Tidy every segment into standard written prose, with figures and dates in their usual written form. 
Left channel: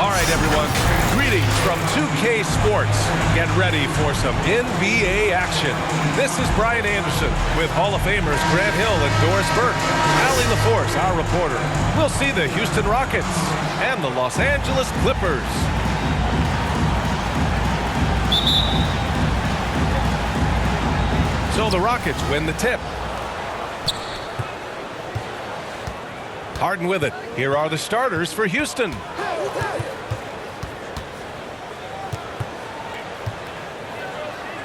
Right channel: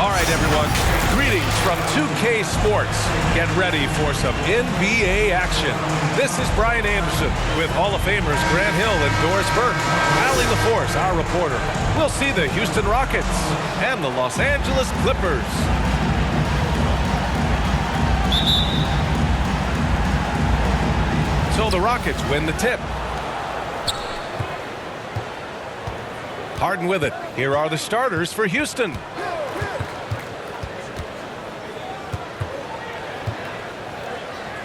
All right, everyone. Greetings from 2K Sports. Get ready for some NBA action. This is Brian Anderson with Hall of Famers Grant Hill and Doris Burke. Allie LaForce, our reporter. We'll see the Houston Rockets and the Los Angeles Clippers. So the Rockets win the tip. Harden with it. Here are the starters for Houston.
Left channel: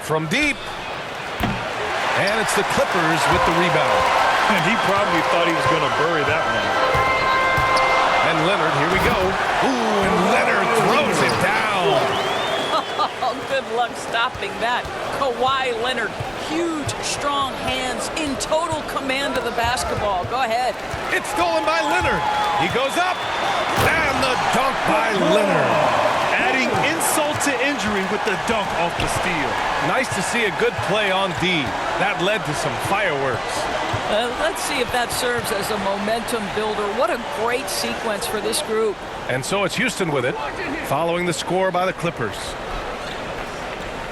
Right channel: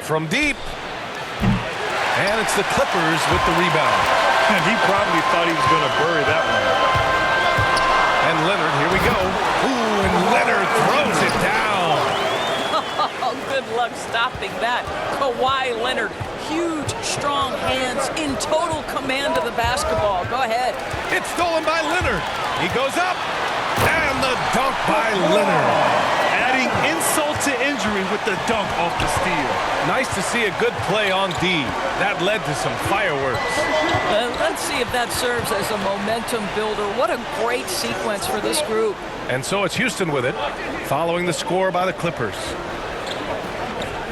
From deep. And it's the Clippers with the rebound. And he probably thought he was going to bury that one. And Leonard, here we go. Ooh, and Leonard throws it down. Oh, good luck stopping that. Kawhi Leonard, huge, strong hands, in total command of the basketball. Go ahead. It's stolen by Leonard. He goes up. And the dunk by Leonard. Adding insult to injury with the dunk off the steal. Nice to see a good play on D. That led to some fireworks. Let's see if that serves as a momentum builder. What a great sequence for this group. And so it's Houston with it, following the score by the Clippers.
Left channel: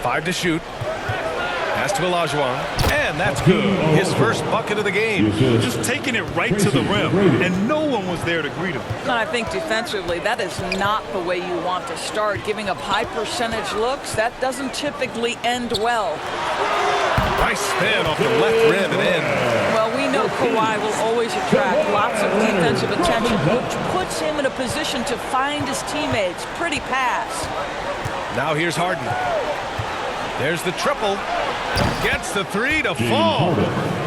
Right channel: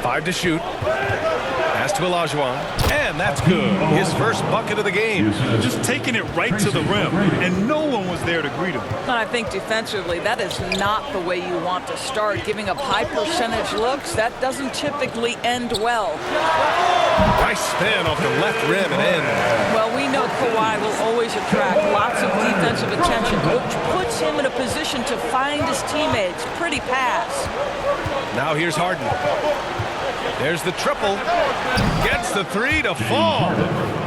5 to shoot. Pass to Olajuwon. And that's good. His first bucket of the game. Just taking it right to the rim, and no one was there to greet him. And I think defensively, that is not the way you want to start. Giving up high percentage looks, that doesn't typically end well. Nice spin off the left rim and in. Well, we know Kawhi will always attract lots of defensive attention, which puts him in a position to find his teammates. Pretty pass. Now here's Harden. There's the triple. Gets the three to fall.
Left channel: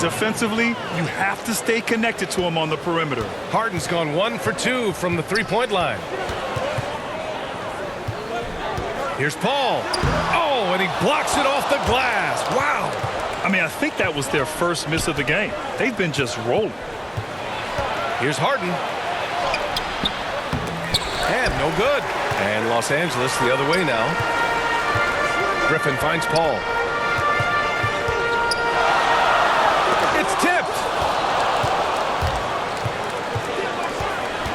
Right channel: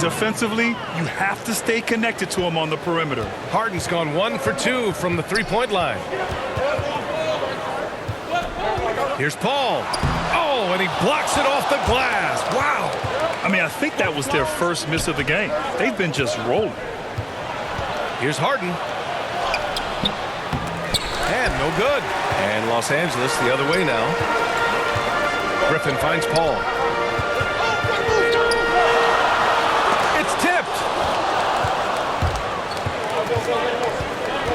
Defensively, you have to stay connected to him on the perimeter. Harden's gone 1 for 2 from the three-point line. Here's Paul. Oh, and he blocks it off the glass. Wow. I mean, I think that was their first miss of the game. They've been just rolling. Here's Harden. And no good. And Los Angeles the other way now. Griffin finds Paul. It's tipped.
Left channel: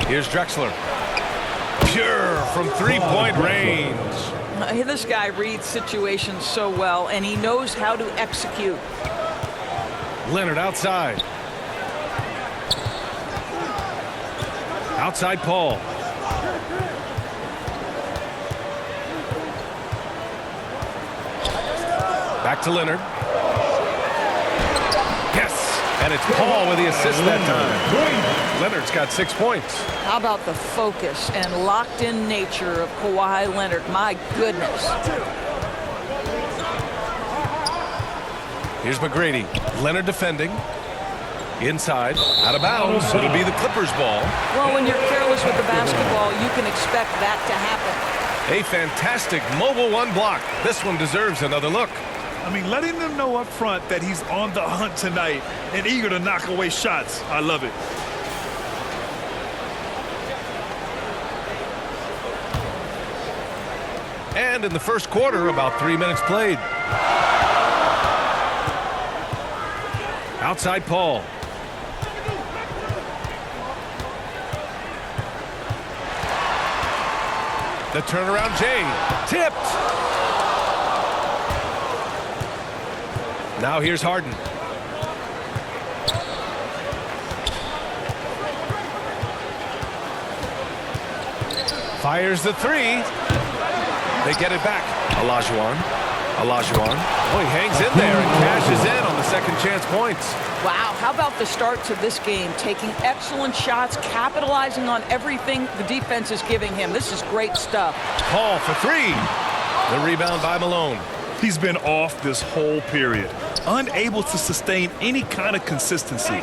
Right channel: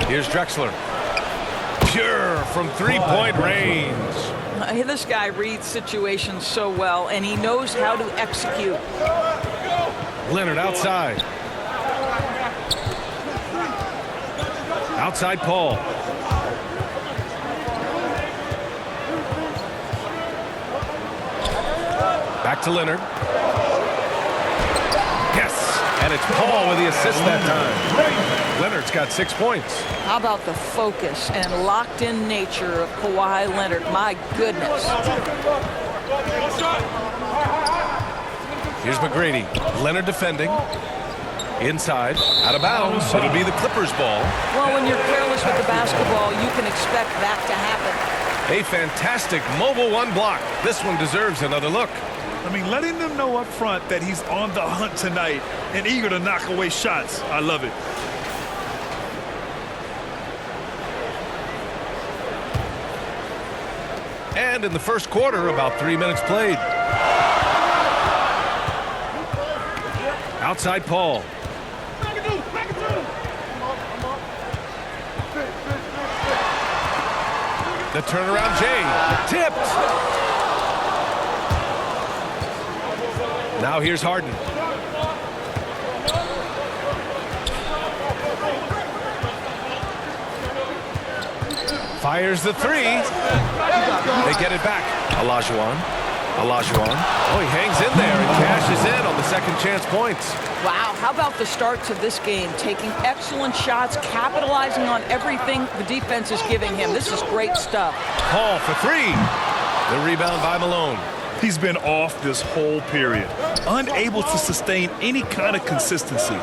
Here's Drexler. Pure from three-point range. This guy reads situations so well, and he knows how to execute. Leonard outside. Outside Paul. Back to Leonard. Yes, and it's Paul with the assist that time. Leonard's got 6 points. How about the focus and locked-in nature of Kawhi Leonard? My goodness. Here's McGrady. Leonard defending. Inside, out of bounds. It'll be the Clippers ball. Well, when you're careless with the basketball, you can expect that to happen. A fantastic mobile one block. This one deserves another look. I mean, letting them know up front that he's on the hunt tonight and eager to knock away shots. I love it. And in the first quarter, about 3 minutes played. Outside Paul. The turnaround Jay. Tipped. Now here's Harden. Fires the three. They get it back. Olajuwon. Oh, he hangs in there and cashes in on the second chance points. Wow, how about the start to this game? Taking excellent shots, capitalizing on everything the defense is giving him. This is great stuff. Paul for three. The rebound by Malone. He's been off this whole period, unable to sustain any kind of consistency.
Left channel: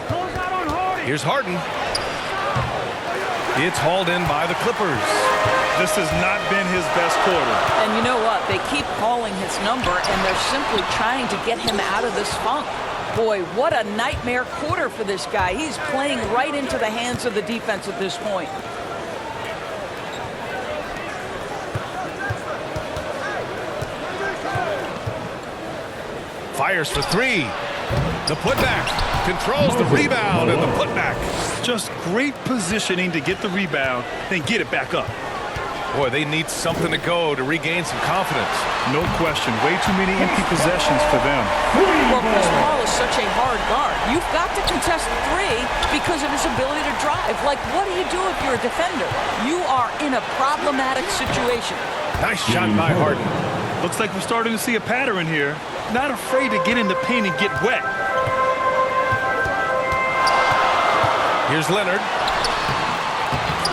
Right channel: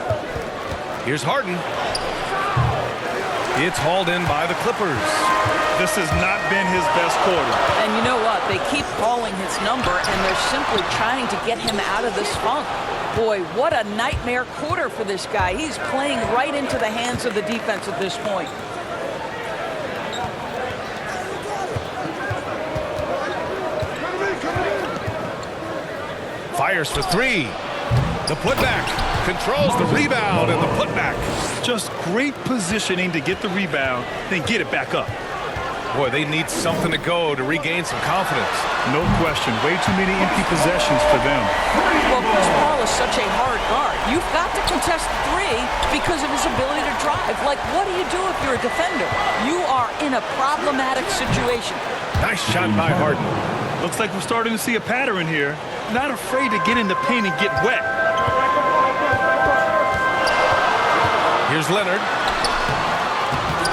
Here's Harden. It's hauled in by the Clippers. This has not been his best quarter. And you know what? They keep calling his number, and they're simply trying to get him out of this funk. Boy, what a nightmare quarter for this guy. He's playing right into the hands of the defense at this point. Fires for three. The putback. Controls the rebound and the putback. Just great positioning to get the rebound, then get it back up. Boy, they need something to go to regain some confidence. No question. Way too many empty possessions for them. Well, Chris Paul is such a hard guard. You've got to contest the three because of his ability to drive. Like, what do you do if you're a defender? You are in a problematic situation. Nice shot by Harden. Looks like we're starting to see a pattern here. Not afraid to get in the paint and get wet. Here's Leonard.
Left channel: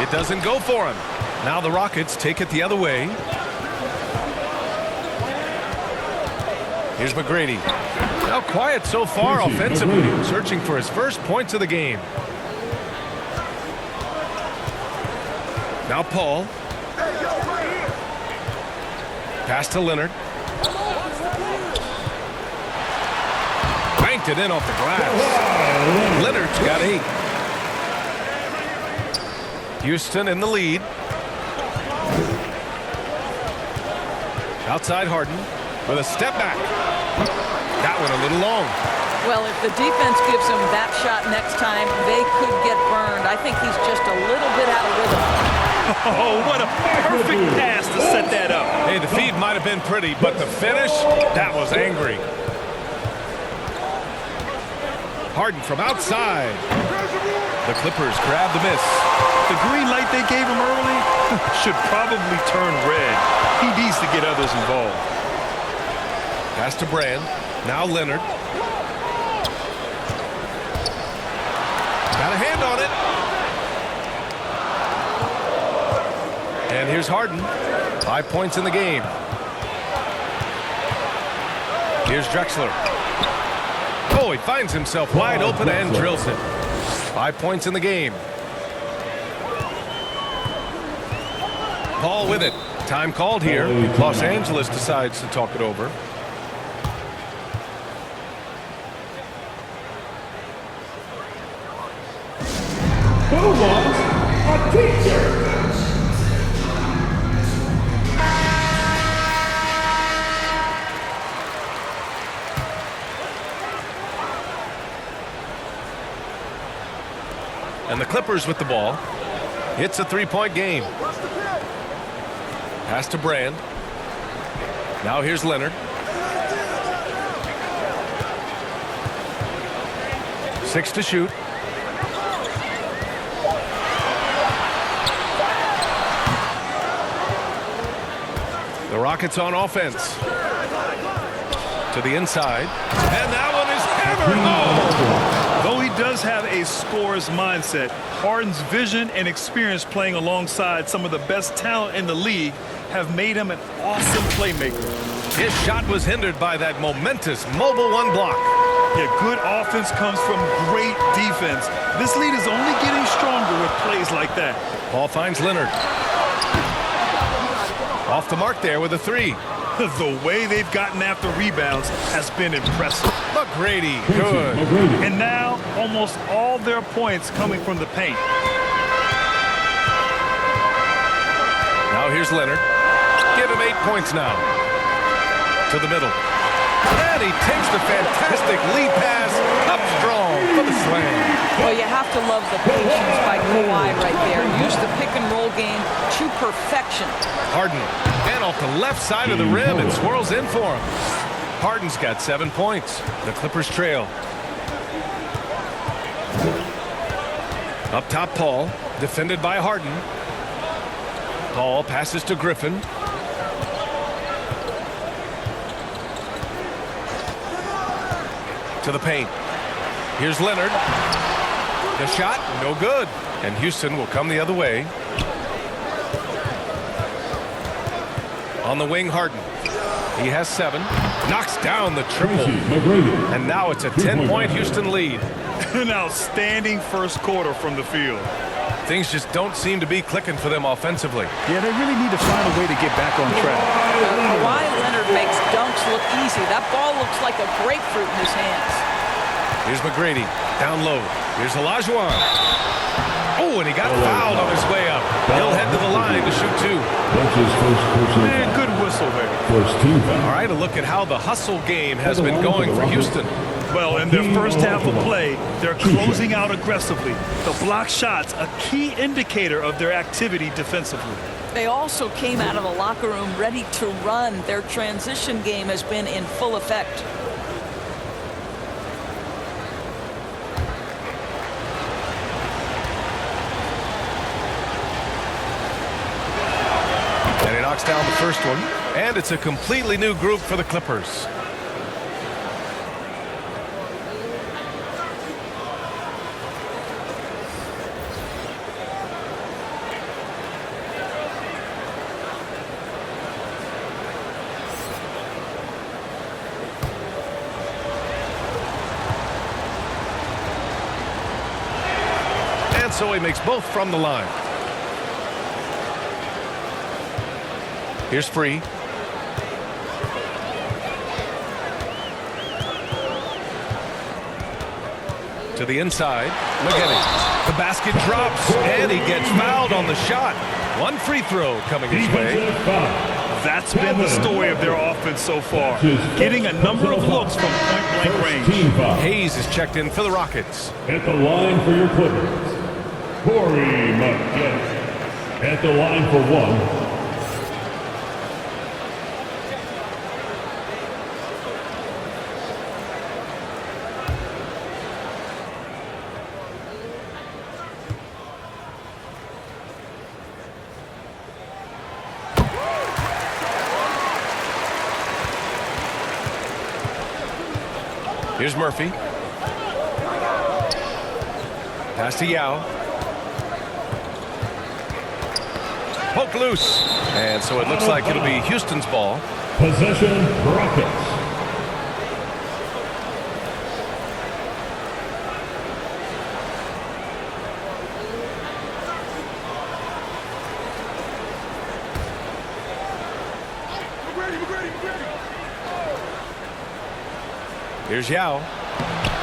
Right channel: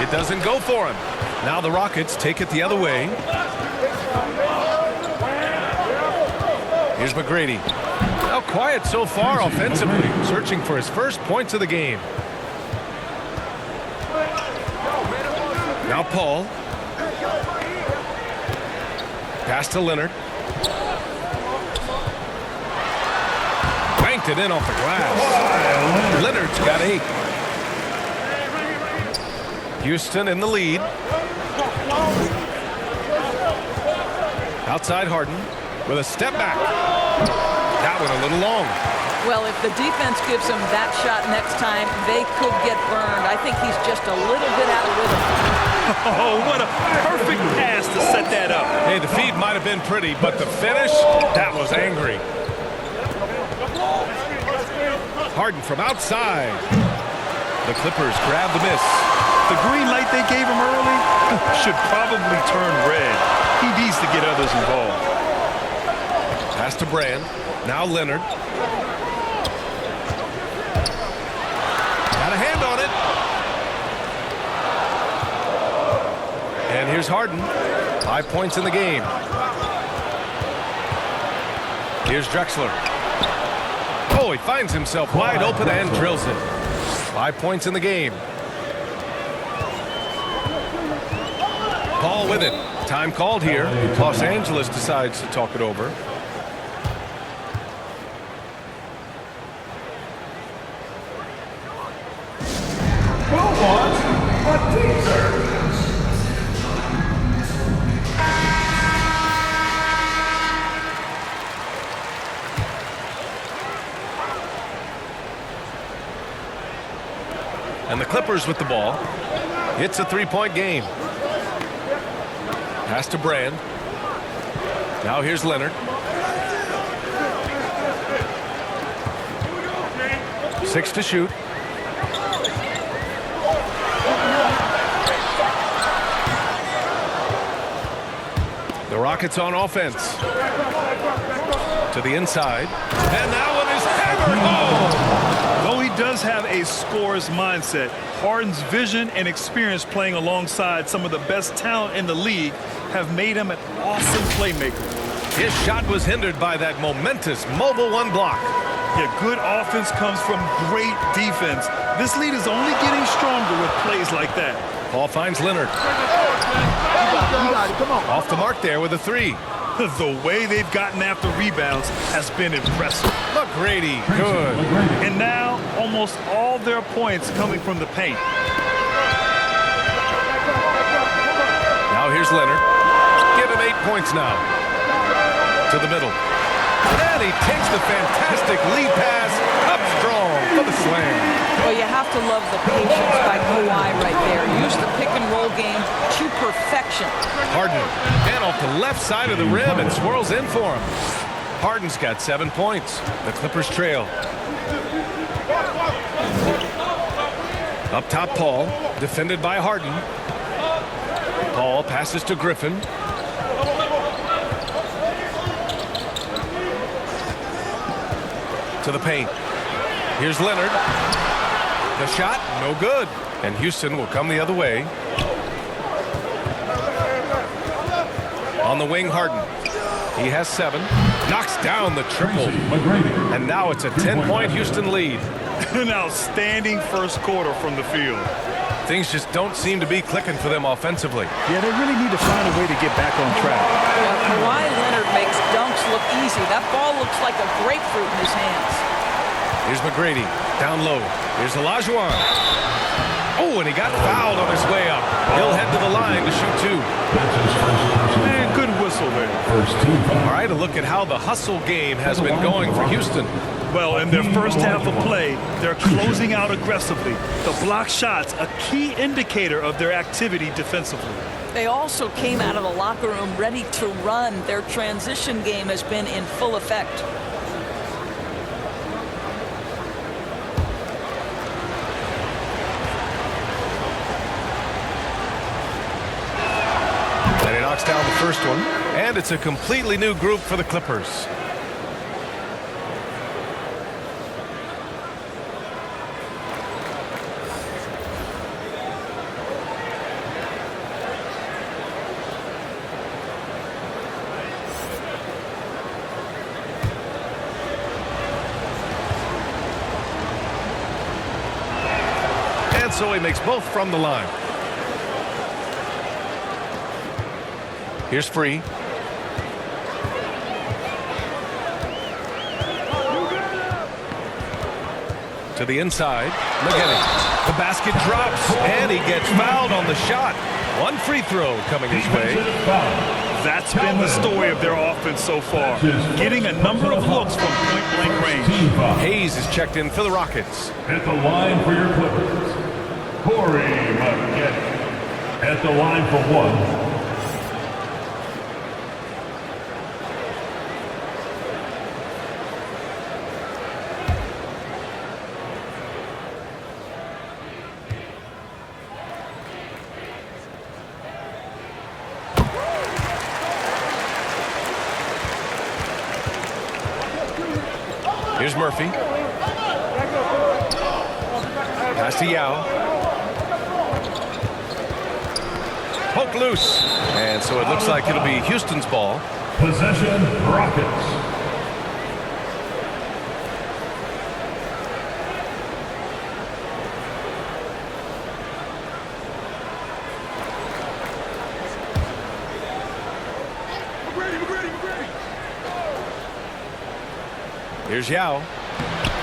It doesn't go for him. Now the Rockets take it the other way. Here's McGrady. Now quiet so far offensively, searching for his first points of the game. Now Paul. Pass to Leonard. Banked it in off the glass. Leonard's got 8. Houston in the lead. Outside Harden with a step back. That one a little long. Well, if the defense gives him that shot next time, they could get burned. I think he's just a little bit out of rhythm. Oh, what a perfect pass to set that up. Hey, the feed might have been pretty, but the finish, that was angry. Harden from outside. The Clippers grab the miss. The green light they gave him early should probably turn red. He needs to get others involved. Pass to Brand. Now Leonard. Got a hand on it. And here's Harden. 5 points in the game. Here's Drexler. Oh, he finds himself wide open and drills it. 5 points in the game. Paul with it. Time called here. Los Angeles decides to talk it over. Who wants a teaser? And the Clippers with the ball. It's a 3-point game. Pass to Brand. Now here's Leonard. 6 to shoot. The Rockets on offense. To the inside. And that one is hammered home. Though he does have a scorer's mindset, Harden's vision and experience playing alongside some of the best talent in the league have made him an awesome playmaker. His shot was hindered by that momentous mobile 1 block. Yeah, good offense comes from great defense. This lead is only getting stronger with plays like that. Paul finds Leonard. Off the mark there with a 3. The way they've gotten after rebounds has been impressive. McGrady, good. And now, almost all their points coming from the paint. Now here's Leonard. Give him 8 points now. To the middle. And he takes the fantastic lead pass up strong for the slam. Well, you have to love the patience by Kawhi right there. Use the pick and roll game to perfection. Harden, and off the left side of the rim and swirls in for him. Harden's got 7 points. The Clippers trail. Up top, Paul, defended by Harden. Paul passes to Griffin. To the paint. Here's Leonard. The shot, no good. And Houston will come the other way. On the wing, Harden. He has 7. Knocks down the triple. And now it's a 10-point Houston lead. An outstanding first quarter from the field. Things just don't seem to be clicking for them offensively. Yeah, they really need to find a way to get back on track. Kawhi Leonard makes dunks look easy. That ball looks like a grapefruit in his hands. Here's McGrady, down low. Here's Olajuwon. Oh, and he got fouled on his way up. He'll head to the line to shoot 2. That's his first personal Man, foul. good whistle there. First team foul. All right, a look at how the hustle game has been going for Houston. Well, in their first half of play, they're closing out aggressively. The block shots, a key indicator of their activity defensively. They also came out of the locker room ready to run. Their transition game has been in full effect. And he knocks down the first one. And it's a completely new group for the Clippers. And so he makes both from the line. Here's Free. To the inside, McGinney. The basket drops, and he gets fouled on the shot. One free throw coming his way. That's been the story of their offense so far, getting a number of looks from point-blank range. Hayes is checked in for the Rockets. At the line for your Clippers, Corey McGinney. At the line for one, here's Murphy. Pass to Yao. Poke loose. And so it looks like it'll be Houston's ball. possession Rockets. Here's Yao.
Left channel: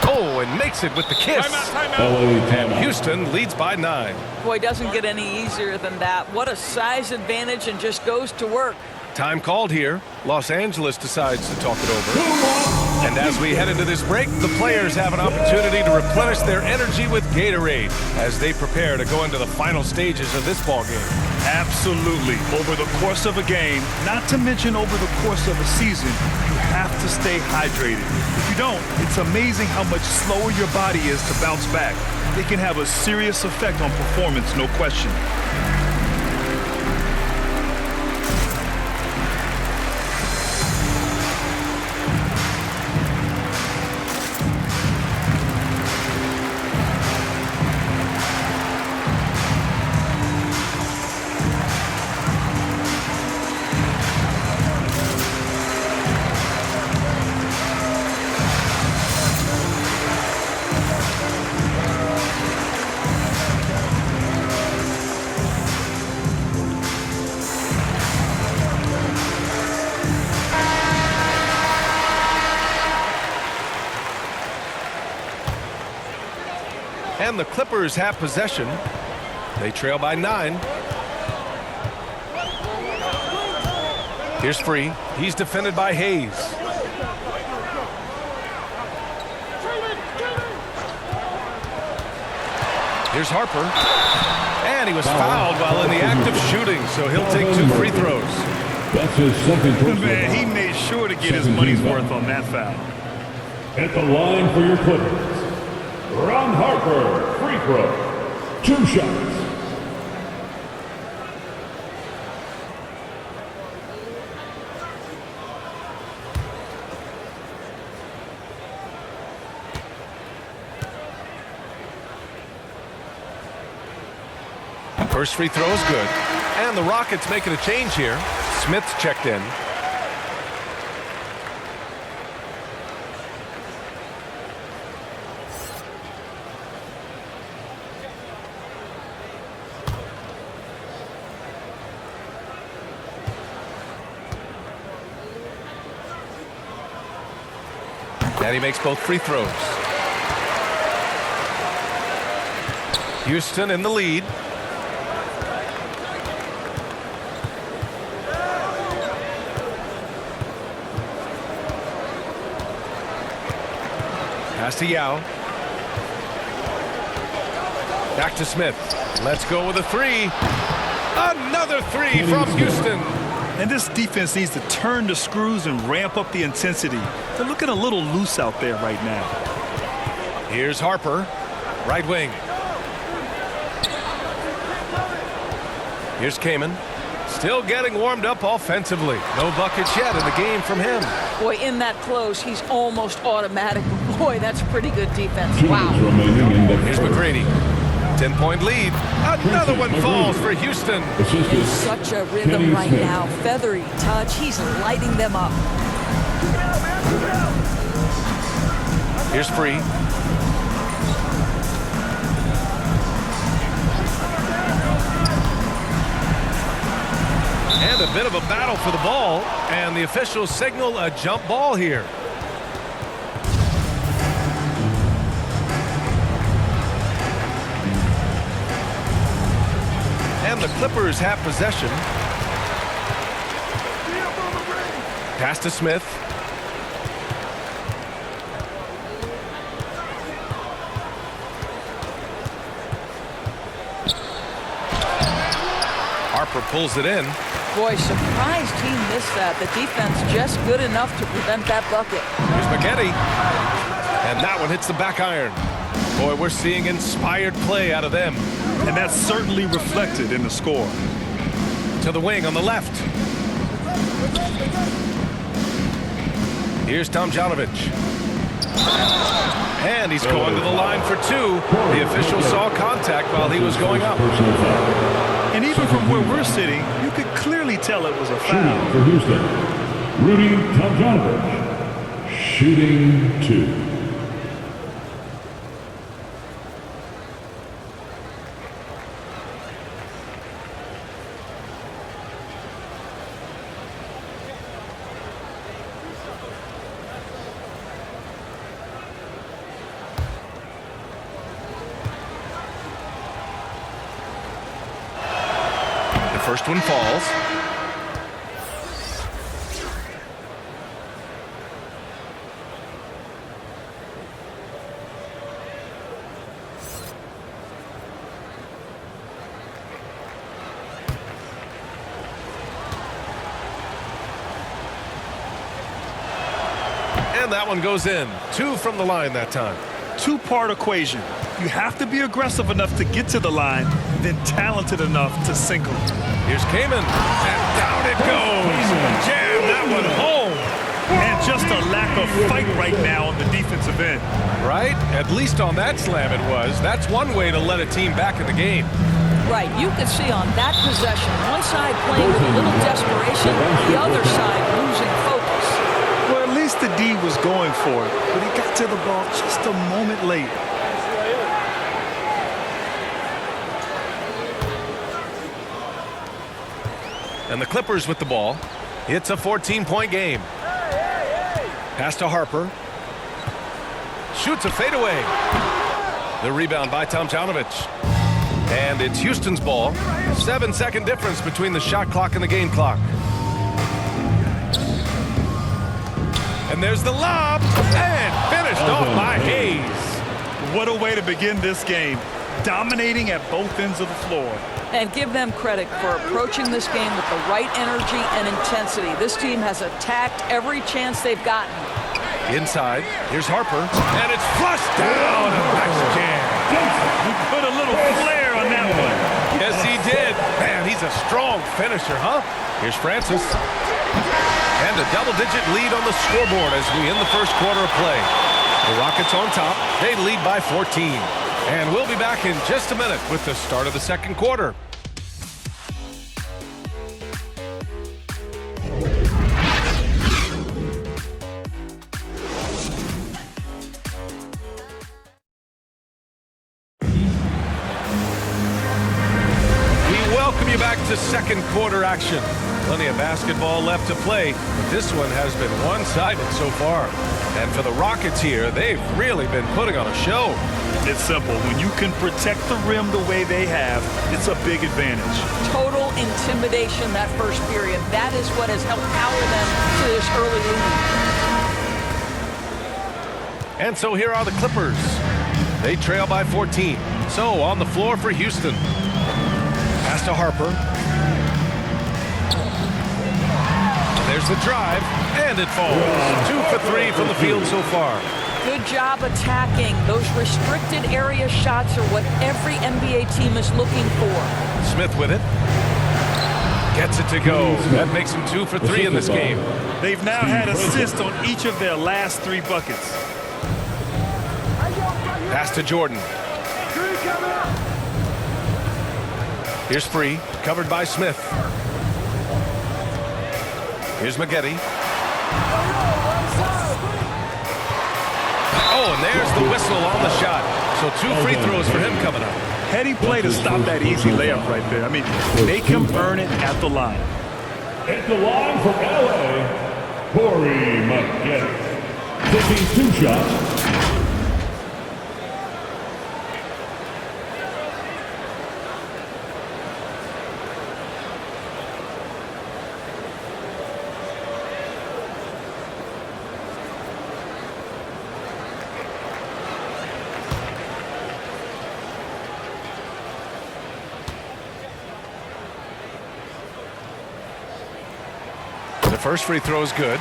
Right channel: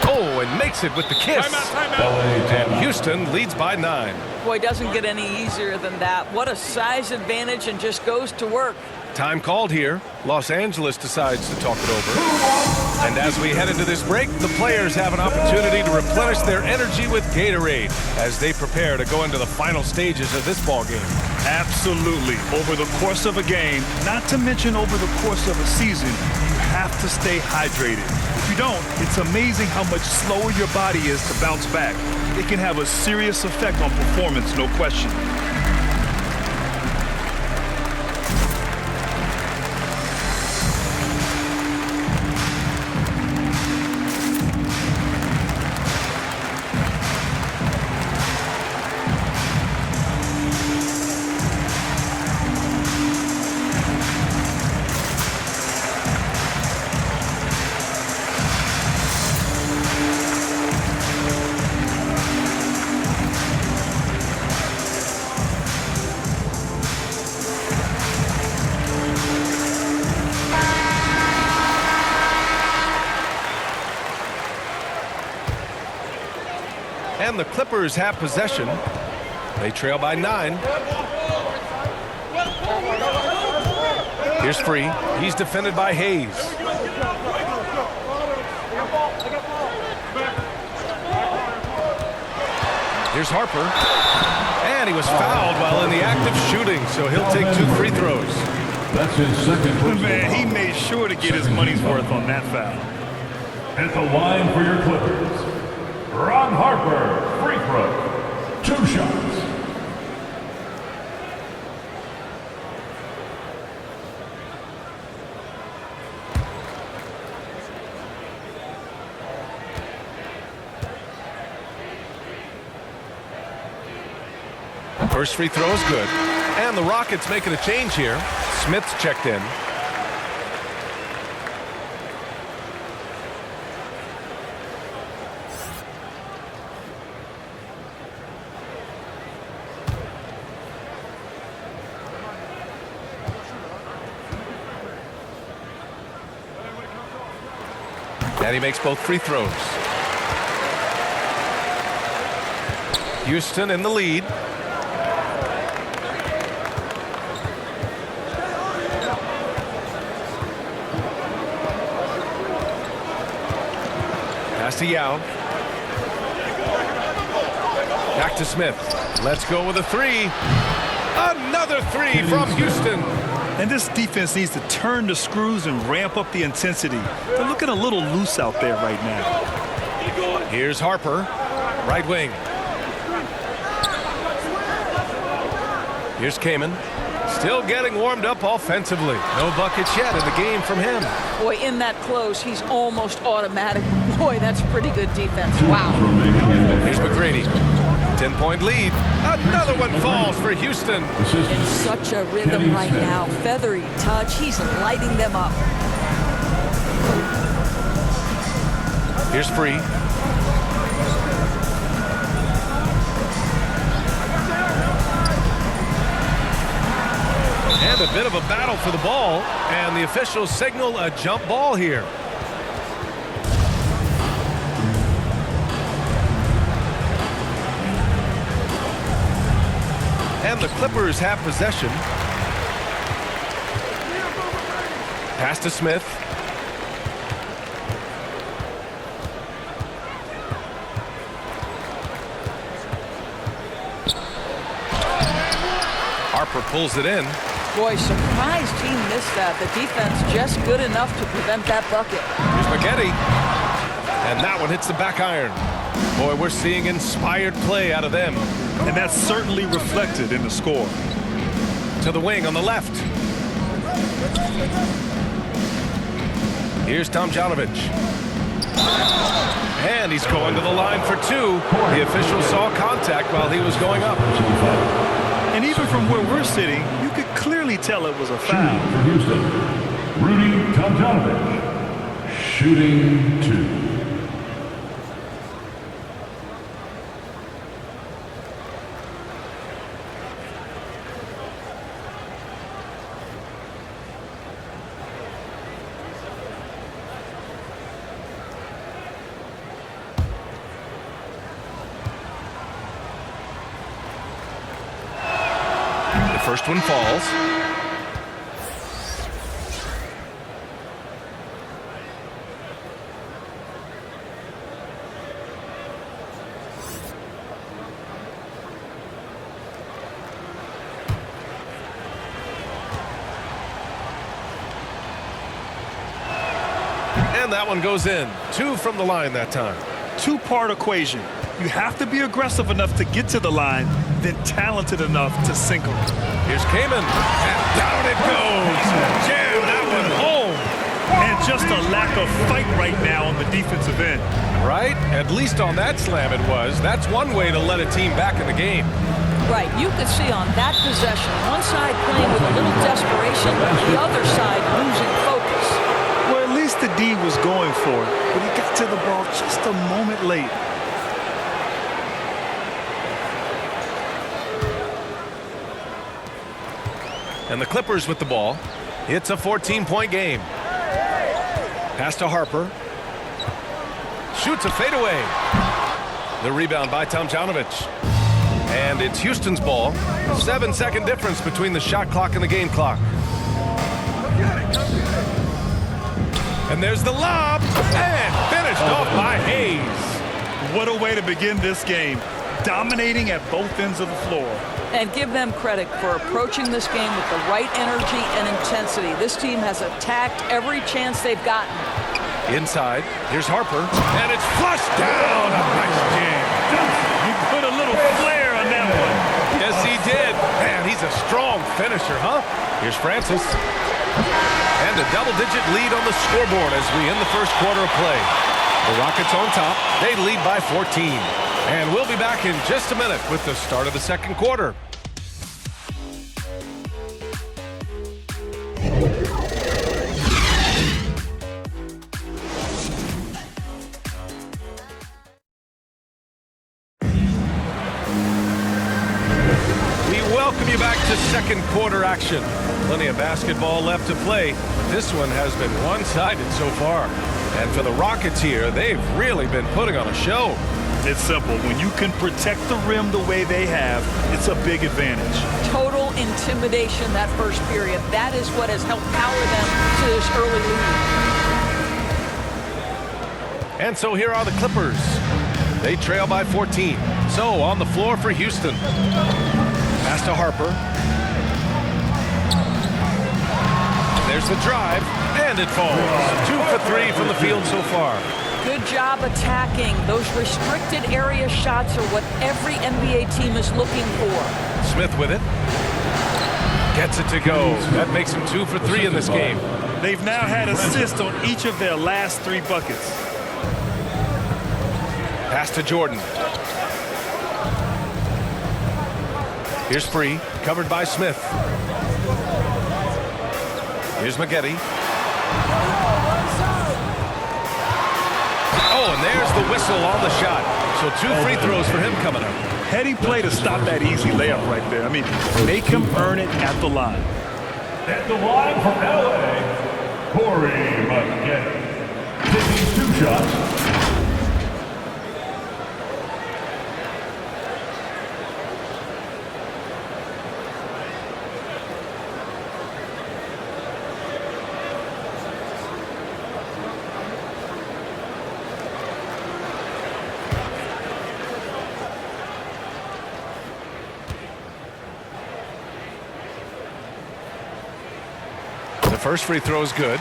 Oh, and makes it with the kiss. And Houston leads by 9. Boy, doesn't get any easier than that. What a size advantage, and just goes to work. Time called here. Los Angeles decides to talk it over. And as we head into this break, the players have an opportunity to replenish their energy with Gatorade as they prepare to go into the final stages of this ball game. Absolutely. Over the course of a game, not to mention over the course of a season, you have to stay hydrated. If you don't, it's amazing how much slower your body is to bounce back. It can have a serious effect on performance, no question. And the Clippers have possession. They trail by 9. Here's Free. He's defended by Hayes. Here's Harper. And he was fouled while in the act of shooting, so he'll take 2 free throws. That's his second personal Man, he foul. made sure to get his money's worth on that foul. At the line for your Clippers, Ron Harper, free throw, 2 shots. First free throw is good. And the Rockets making a change here. Smith's checked in. And he makes both free throws. Houston in the lead. Pass to Yao. Back to Smith. Let's go with a three. Another three from Houston. And this defense needs to turn the screws and ramp up the intensity. They're looking a little loose out there right now. Here's Harper, right wing. Here's Kaman. Still getting warmed up offensively. No buckets yet in the game from him. Boy, in that close, he's almost automatic. Boy, that's pretty good defense. Wow. Here's McGrady. 10-point lead. Another one falls for Houston. In such a rhythm right now. Feathery touch. He's lighting them up. Here's Free. And a bit of a battle for the ball. And the officials signal a jump ball here. And the Clippers have possession. Pass to Smith. Harper pulls it in. Boy, surprised he missed that. The defense just good enough to prevent that bucket. Here's Maggette. And that one hits the back iron. Boy, we're seeing inspired play out of them. And that's certainly reflected in the score. To the wing on the left. Here's Tomjanovich. And he's going to the line for two. The official saw contact while he was going up. And even from where we're sitting, you could clearly tell it was a foul. For Houston, Rudy Tomjanovich, shooting 2. First one falls. And that one goes in. 2 from the line that time. Two-part equation. You have to be aggressive enough to get to the line, then talented enough to sink them. Here's Kaman, and down it goes. Jam that one home. And just a lack of fight right now on the defensive end. Right? At least on that slam it was. That's one way to let a team back in the game. Right, you could see on that possession, one side playing with a little desperation, the other side losing focus. Well, at least the D was going for it, but he got to the ball just a moment late. And the Clippers with the ball. It's a 14-point game. Pass to Harper. Shoots a fadeaway. The rebound by Tomjanovich. And it's Houston's ball. 7-second difference between the shot clock and the game clock. And there's the lob. And finished off by Hayes. What a way to begin this game. Dominating at both ends of the floor. And give them credit for approaching this game with the right energy and intensity. This team has attacked every chance they've gotten. Inside, here's Harper, and it's flushed down. A nice jam. He put a little flair on that one. Yes, he did. Man, he's a strong finisher, huh? Here's Francis. And a double-digit lead on the scoreboard as we end the first quarter of play. The Rockets on top. They lead by 14. And we'll be back in just a minute with the start of the second quarter. We welcome you back to second quarter action. Plenty of basketball left to play, but this one has been one-sided so far. And for the Rockets here, they've really been putting on a show. It's simple. When you can protect the rim the way they have, it's a big advantage. Total intimidation that first period. That is what has helped power them to this early And so here are the Clippers. They trail by 14. So on the floor for Houston. Pass to Harper. There's the drive, and it falls. 2 for 3 from the field so far. Good job attacking. Those restricted area shots are what every NBA team is looking for. Smith with it. Gets it to go. That makes him 2 for 3 in this game. They've now had assists on each of their last 3 buckets. Pass to Jordan. Here's Free, covered by Smith. Here's Maggette. Oh, and there's the whistle on the shot. So 2 free throws for him coming up. Heady play to stop that easy layup right there. I mean, make him earn it at the line. At the line from LA, Corey Maggette. Taking 2 shots. The first free throw is good.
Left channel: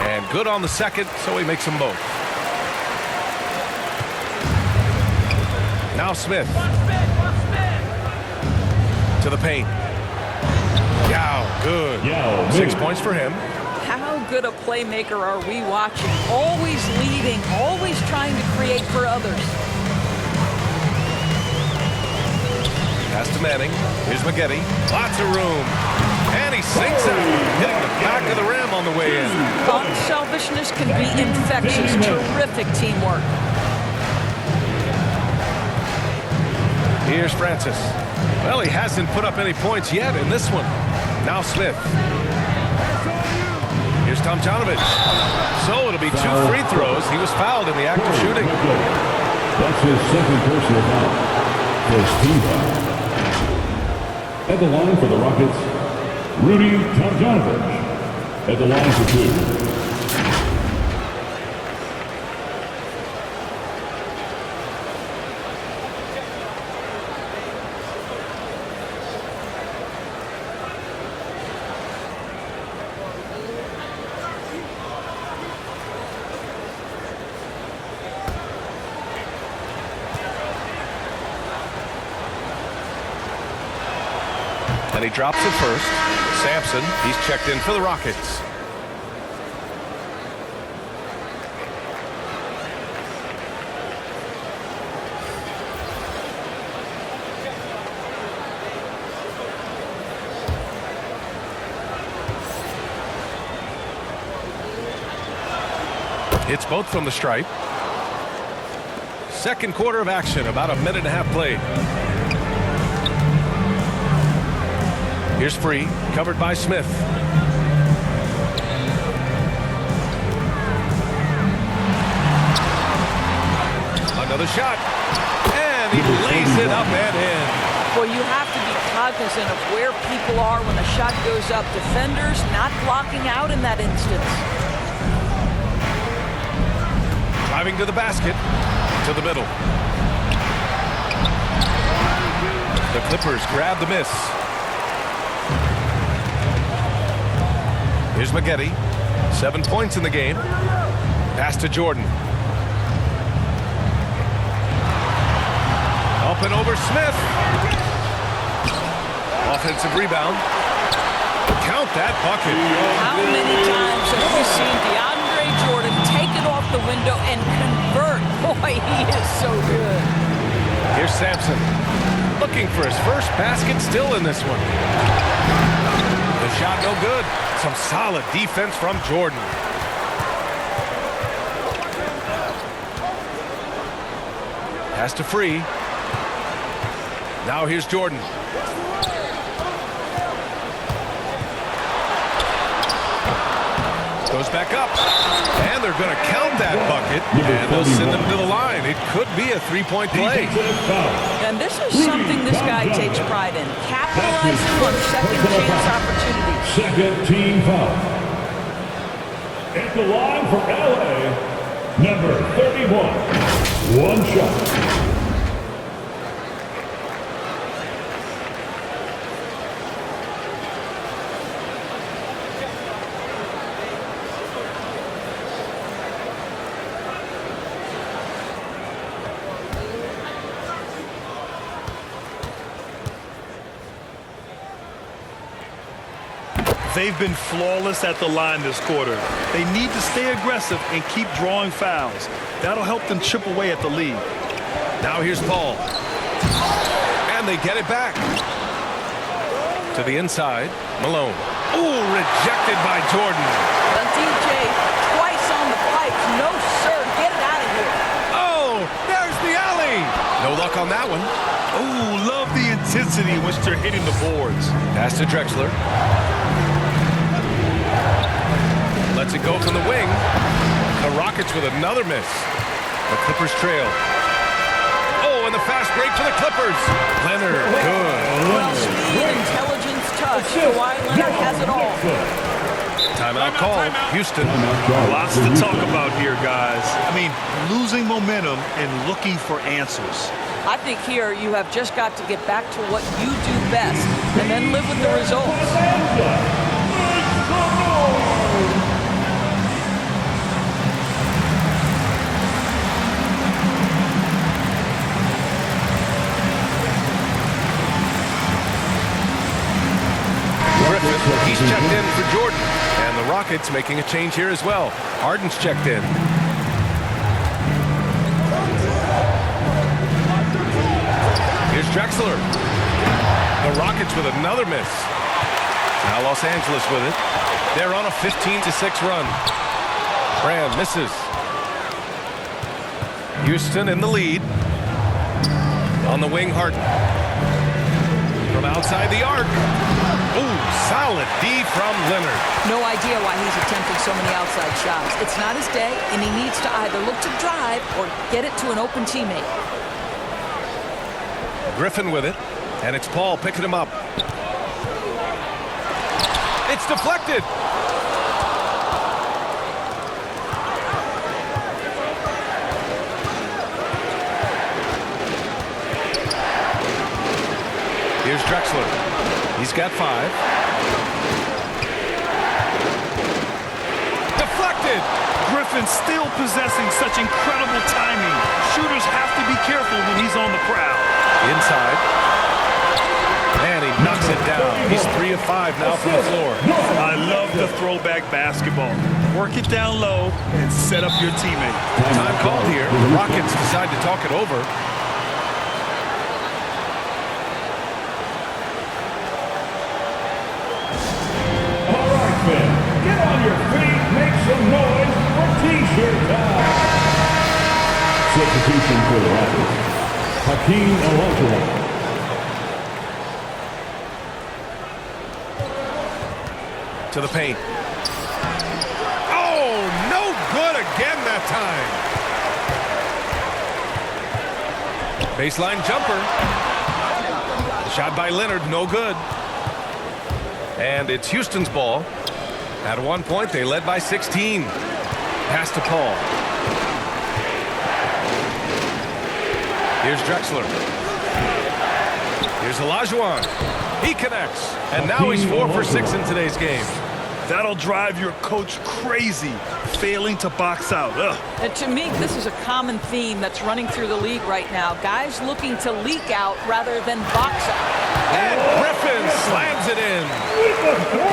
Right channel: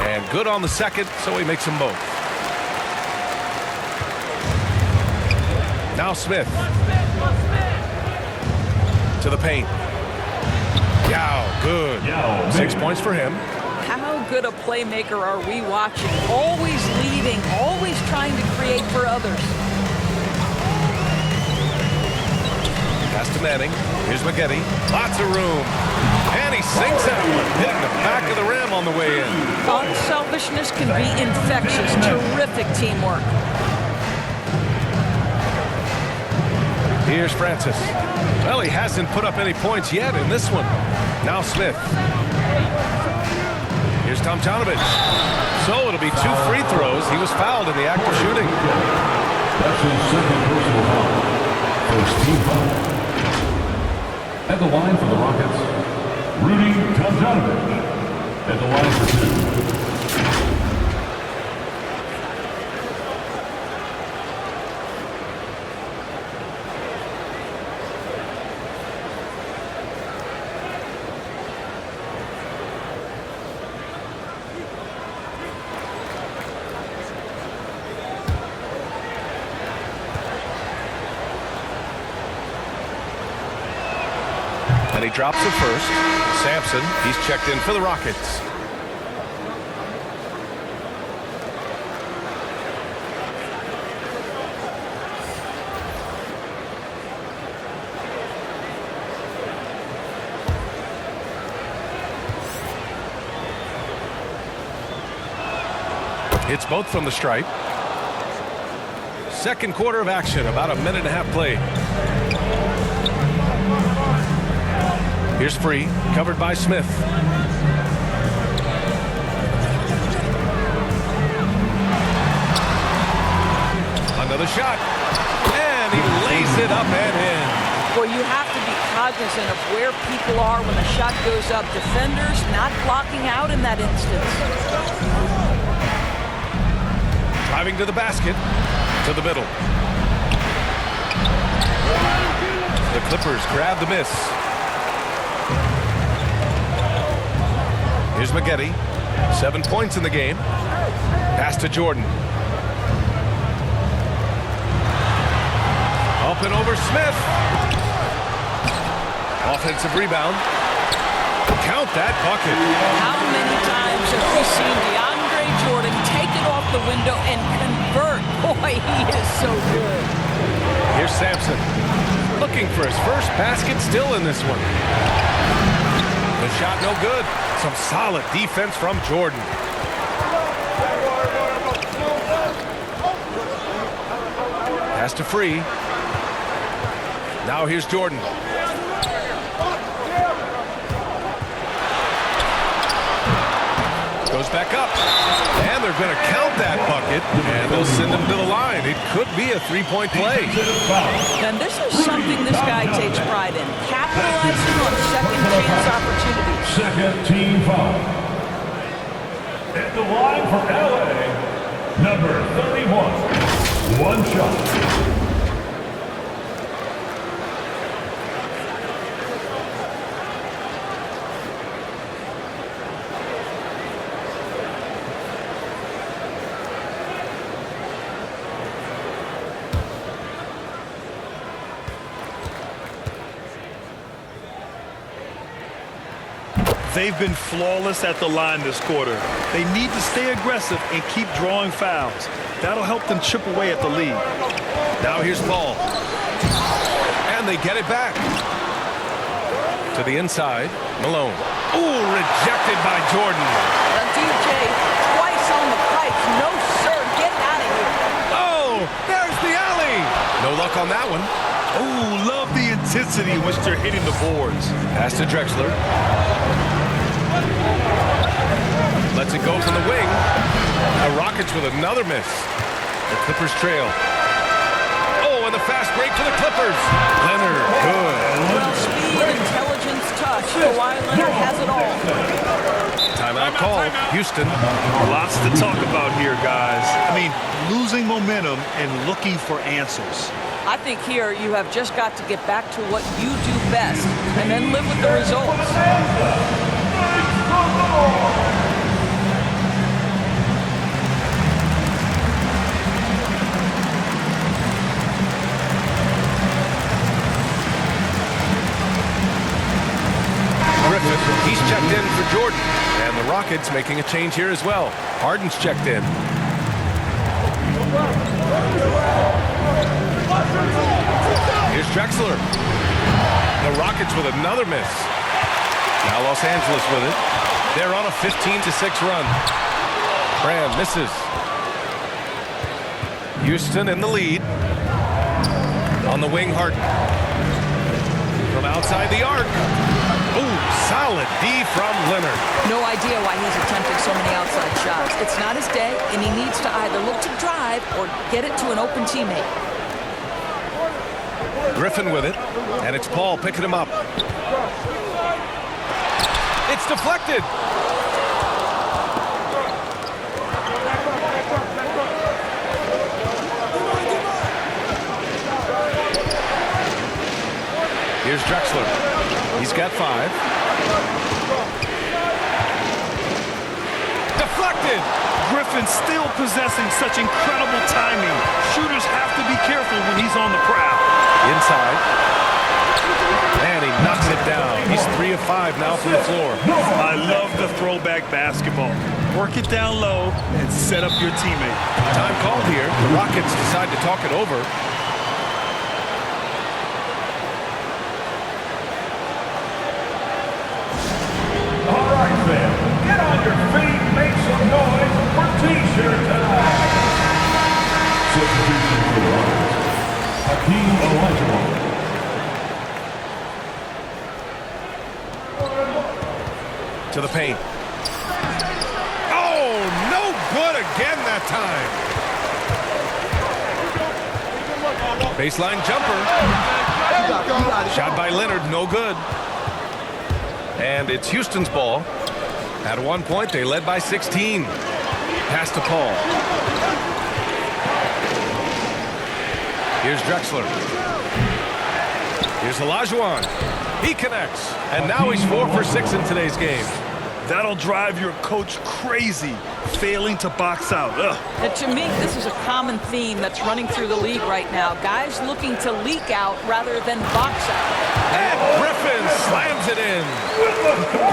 And good on the second, so he makes them both. Now Smith. To the paint. Yao, good. 6 points for him. How good a playmaker are we watching? Always leading, always trying to create for others. Pass to Manning. Here's Maggette. Lots of room. And he sinks that one, hitting the back of the rim on the way in. Unselfishness can be infectious. Terrific teamwork. Here's Francis. Well, he hasn't put up any points yet in this one. Now Smith. Here's Tomjanovich. So it'll be 2 free throws. He was fouled in the act of shooting. That's his second personal foul. First team foul. At the line for the Rockets, Rudy Tomjanovich. At the line for 2. And he drops it first. Sampson, he's checked in for the Rockets. Hits both from the stripe. Second quarter of action, about a minute and a half played. Here's Free, covered by Smith. Another shot, and he lays it up and in. Well, you have to be cognizant of where people are when the shot goes up. Defenders not blocking out in that instance. Driving to the basket, to the middle. The Clippers grab the miss. Here's Maggette. 7 points in the game. Pass to Jordan. Up and over Smith. Offensive rebound. Count that bucket. How many times have we seen DeAndre Jordan take it off the window and convert? Boy, he is so good. Here's Sampson. Looking for his first basket, still in this one. The shot no good. Some solid defense from Jordan. Pass to Free. Now here's Jordan. Goes back up. And they're going to count that bucket. And they'll send him to the line. It could be a three-point play. And this is something this guy takes pride in. Capitalizing on second chance opportunities. Second team foul. At the line for LA, number 31. One shot. They've been flawless at the line this quarter. They need to stay aggressive and keep drawing fouls. That'll help them chip away at the lead. Now here's Paul. And they get it back. To the inside, Malone. Ooh, rejected by Jordan. The DJ twice on the pipes. No, sir. Get it out of here. Oh, there's the alley. No luck on that one. Oh, love the intensity in which they're hitting the boards. Pass to Drexler. Lets it go from the wing. The Rockets with another miss. The Clippers trail. Oh, and the fast break for the Clippers. Leonard, good. Well, speed, intelligence, touch. Kawhi Leonard has it all. Timeout call. Houston. Lots to talk about here, guys. I mean, losing momentum and looking for answers. I think here you have just got to get back to what you do best and then live with the results. Griffin, he's checked in for Jordan. And the Rockets making a change here as well. Harden's checked in. Here's Drexler. The Rockets with another miss. Now Los Angeles with it. They're on a 15-6 run. Brand misses. Houston in the lead. On the wing, Harden. From outside the arc. Ooh, solid D from Leonard. No idea why he's attempting so many outside shots. It's not his day, and he needs to either look to drive or get it to an open teammate. Griffin with it, and it's Paul picking him up. It's deflected. Here's Drexler. He's got 5. Deflected. Griffin still possessing such incredible timing. Shooters have to be careful when he's on the prowl. Inside. And he knocks it down. He's 3 of 5 now from the floor. I love the throwback basketball. Work it down low and set up your teammate. Time called here. The Rockets decide to talk it over. All right, fans, get on your feet, make some noise for T-shirt time. Substitution for the Rockets. Hakeem Olajuwon. To the paint. Oh, no good again that time. Baseline jumper. Shot by Leonard, no good. And it's Houston's ball. At one point, they led by 16. Pass to Paul. Here's Drexler. Here's Olajuwon. He connects. And now he's 4 for 6 in today's game. That'll drive your coach crazy, failing to box out. Ugh. And to me, this is a common theme that's running through the league right now. Guys looking to leak out rather than box out. And Griffin slams it in.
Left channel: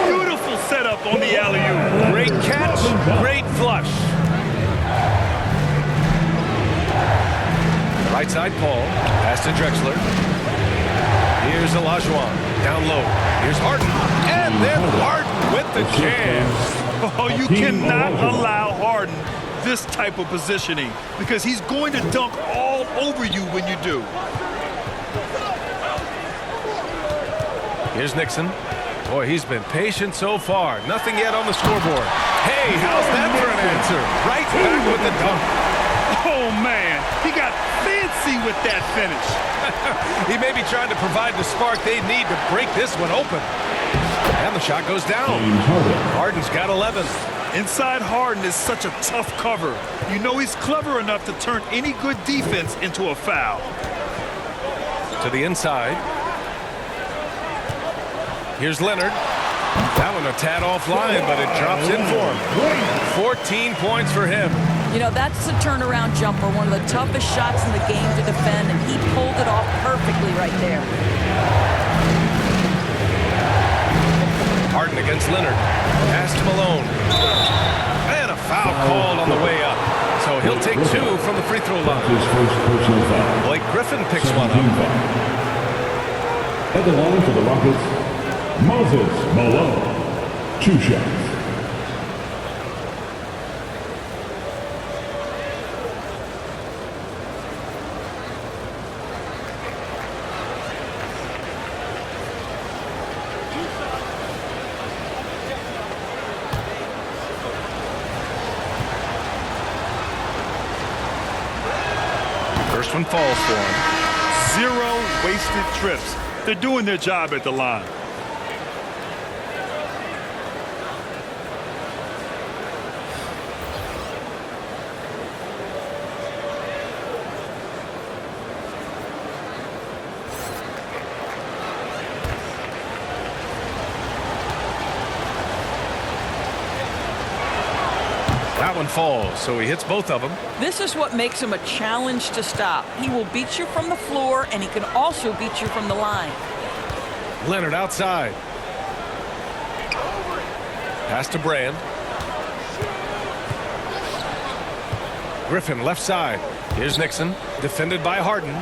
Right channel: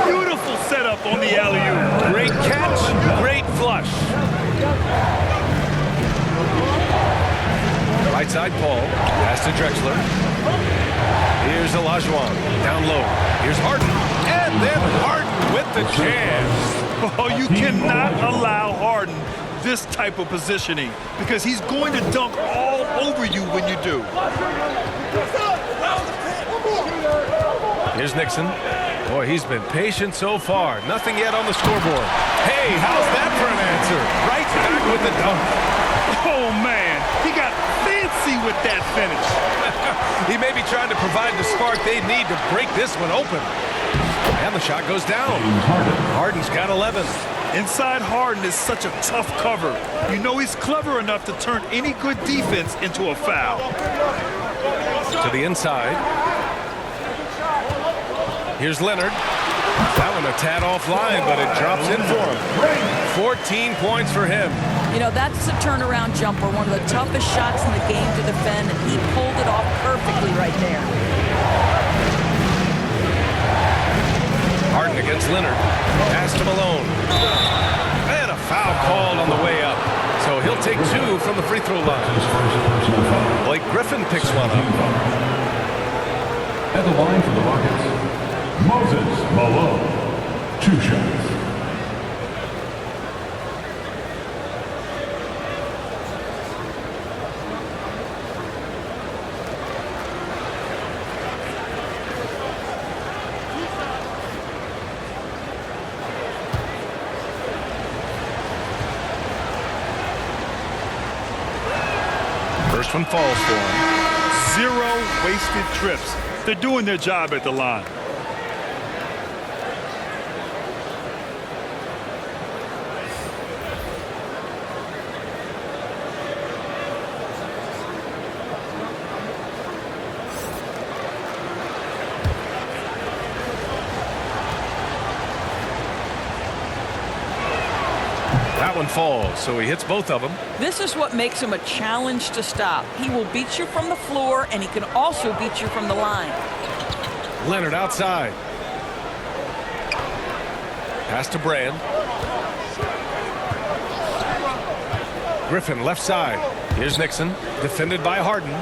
Beautiful setup on the alley-oop. Great catch, great flush. Right side, Paul. Pass to Drexler. Here's Olajuwon. Down low. Here's Harden. And then Harden with the chance. Oh, you cannot allow Harden this type of positioning because he's going to dunk all over you when you do. Here's Nixon. Boy, he's been patient so far. Nothing yet on the scoreboard. Hey, how's that for an answer? Right back with the dunk. Oh, man, he got fancy with that finish. He may be trying to provide the spark they need to break this one open. And the shot goes down. James Harden. Harden's got 11. Inside Harden is such a tough cover. You know he's clever enough to turn any good defense into a foul. To the inside. Here's Leonard. That one a tad offline, but it drops in for him. 14 points for him. You know, that's the turnaround jumper, one of the toughest shots in the game to defend, and he pulled it off perfectly right there. Harden against Leonard. Pass to Malone. And a foul called on the way up. So he'll take 2 from the free throw line. His first personal foul. Blake Griffin picks one up. At the line for the Rockets, Moses Malone. 2 shots. First one falls for him. 0 wasted trips. They're doing their job at the line. That one falls, so he hits both of them. This is what makes him a challenge to stop. He will beat you from the floor, and he can also beat you from the line. Leonard outside. Pass to Brand. Griffin left side. Here's Nixon, defended by Harden.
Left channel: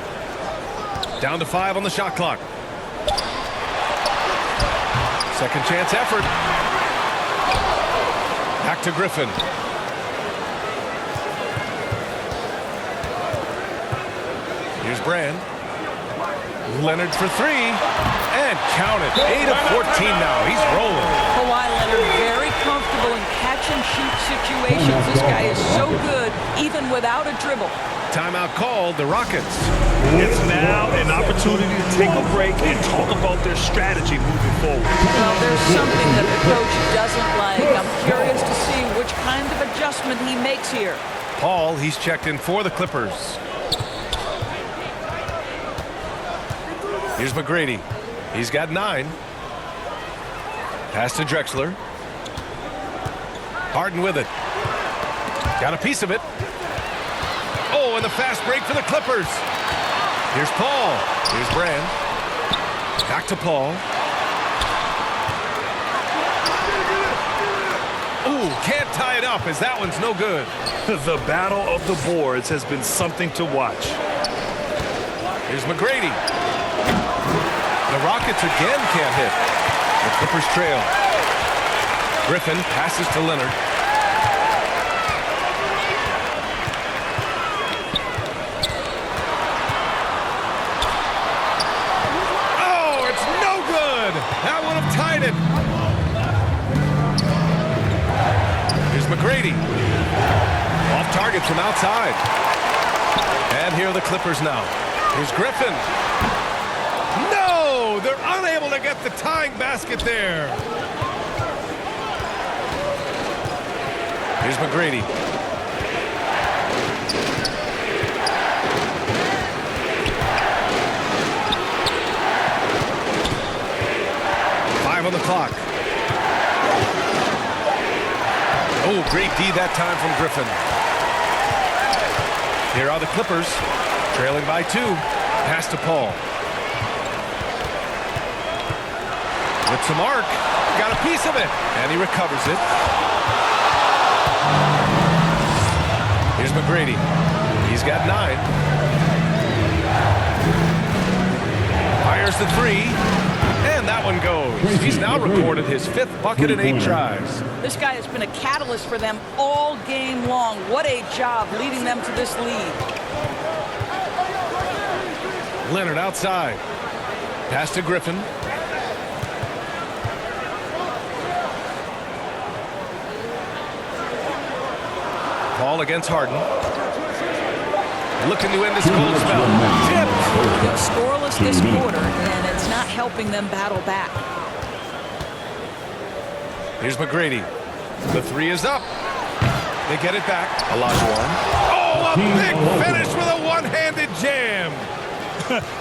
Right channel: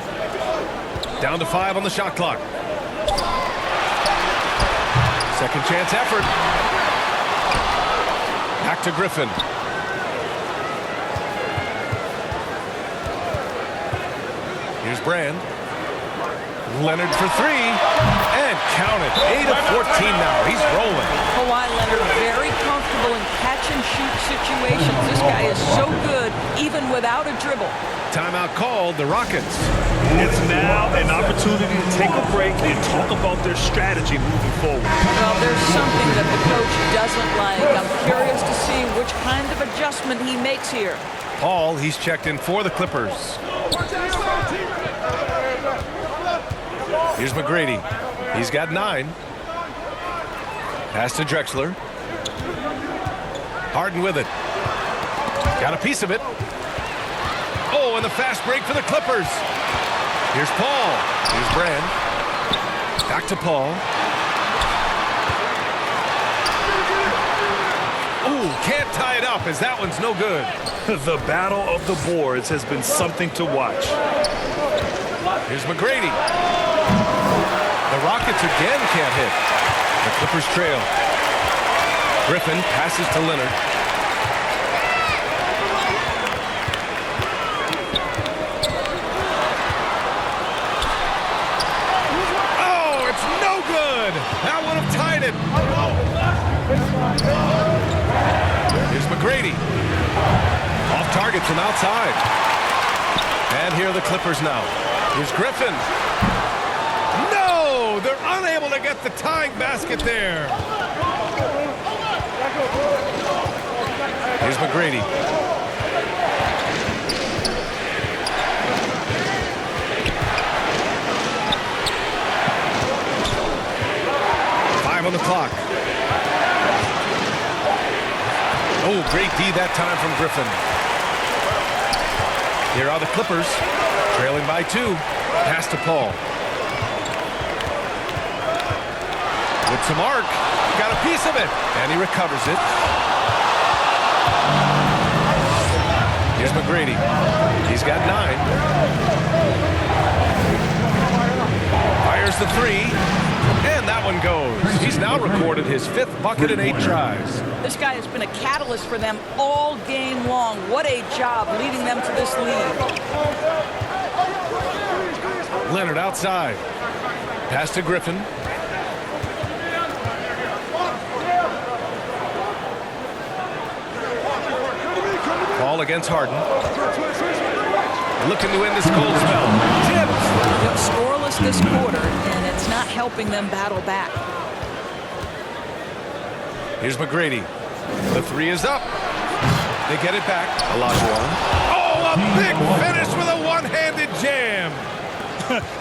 Down to 5 on the shot clock. Second chance effort. Back to Griffin. Here's Brand. Leonard for 3. And count it. 8 of 14 now. He's rolling. Kawhi Leonard very comfortable in catch-and-shoot situations. This guy is so good, even without a dribble. Timeout called, the Rockets. It's now an opportunity to take a break and talk about their strategy moving forward. Well, there's something that the coach doesn't like. I'm curious to see which kind of adjustment he makes here. Paul, he's checked in for the Clippers. Here's McGrady. He's got 9. Pass to Drexler. Harden with it. Got a piece of it. Oh, and the fast break for the Clippers. Here's Paul. Here's Brand. Back to Paul. Ooh, can't tie it up as that one's no good. The battle of the boards has been something to watch. Here's McGrady. The Rockets again can't hit. The Clippers trail. Griffin passes to Leonard. Oh, it's no good. That would have tied it. Here's McGrady. Off target from outside. And here are the Clippers now. Here's Griffin. No! They're unable to get the tying basket there. Here's McGrady. Five on the clock. Oh, great D that time from Griffin. Here are the Clippers, trailing by 2. Pass to Paul. With some arc, got a piece of it, and he recovers it. Here's McGrady. He's got 9. Fires the 3, and that one goes. He's now recorded his 5th bucket in 8 tries. This guy has been a catalyst for them all game long. What a job leading them to this lead. Leonard outside. Pass to Griffin. Paul against Harden. Looking to end this cold spell. Tipped. Scoreless this quarter, and it's not helping them battle back. Here's McGrady. The three is up. They get it back. Olajuwon. Oh, a big finish with a one-handed jam.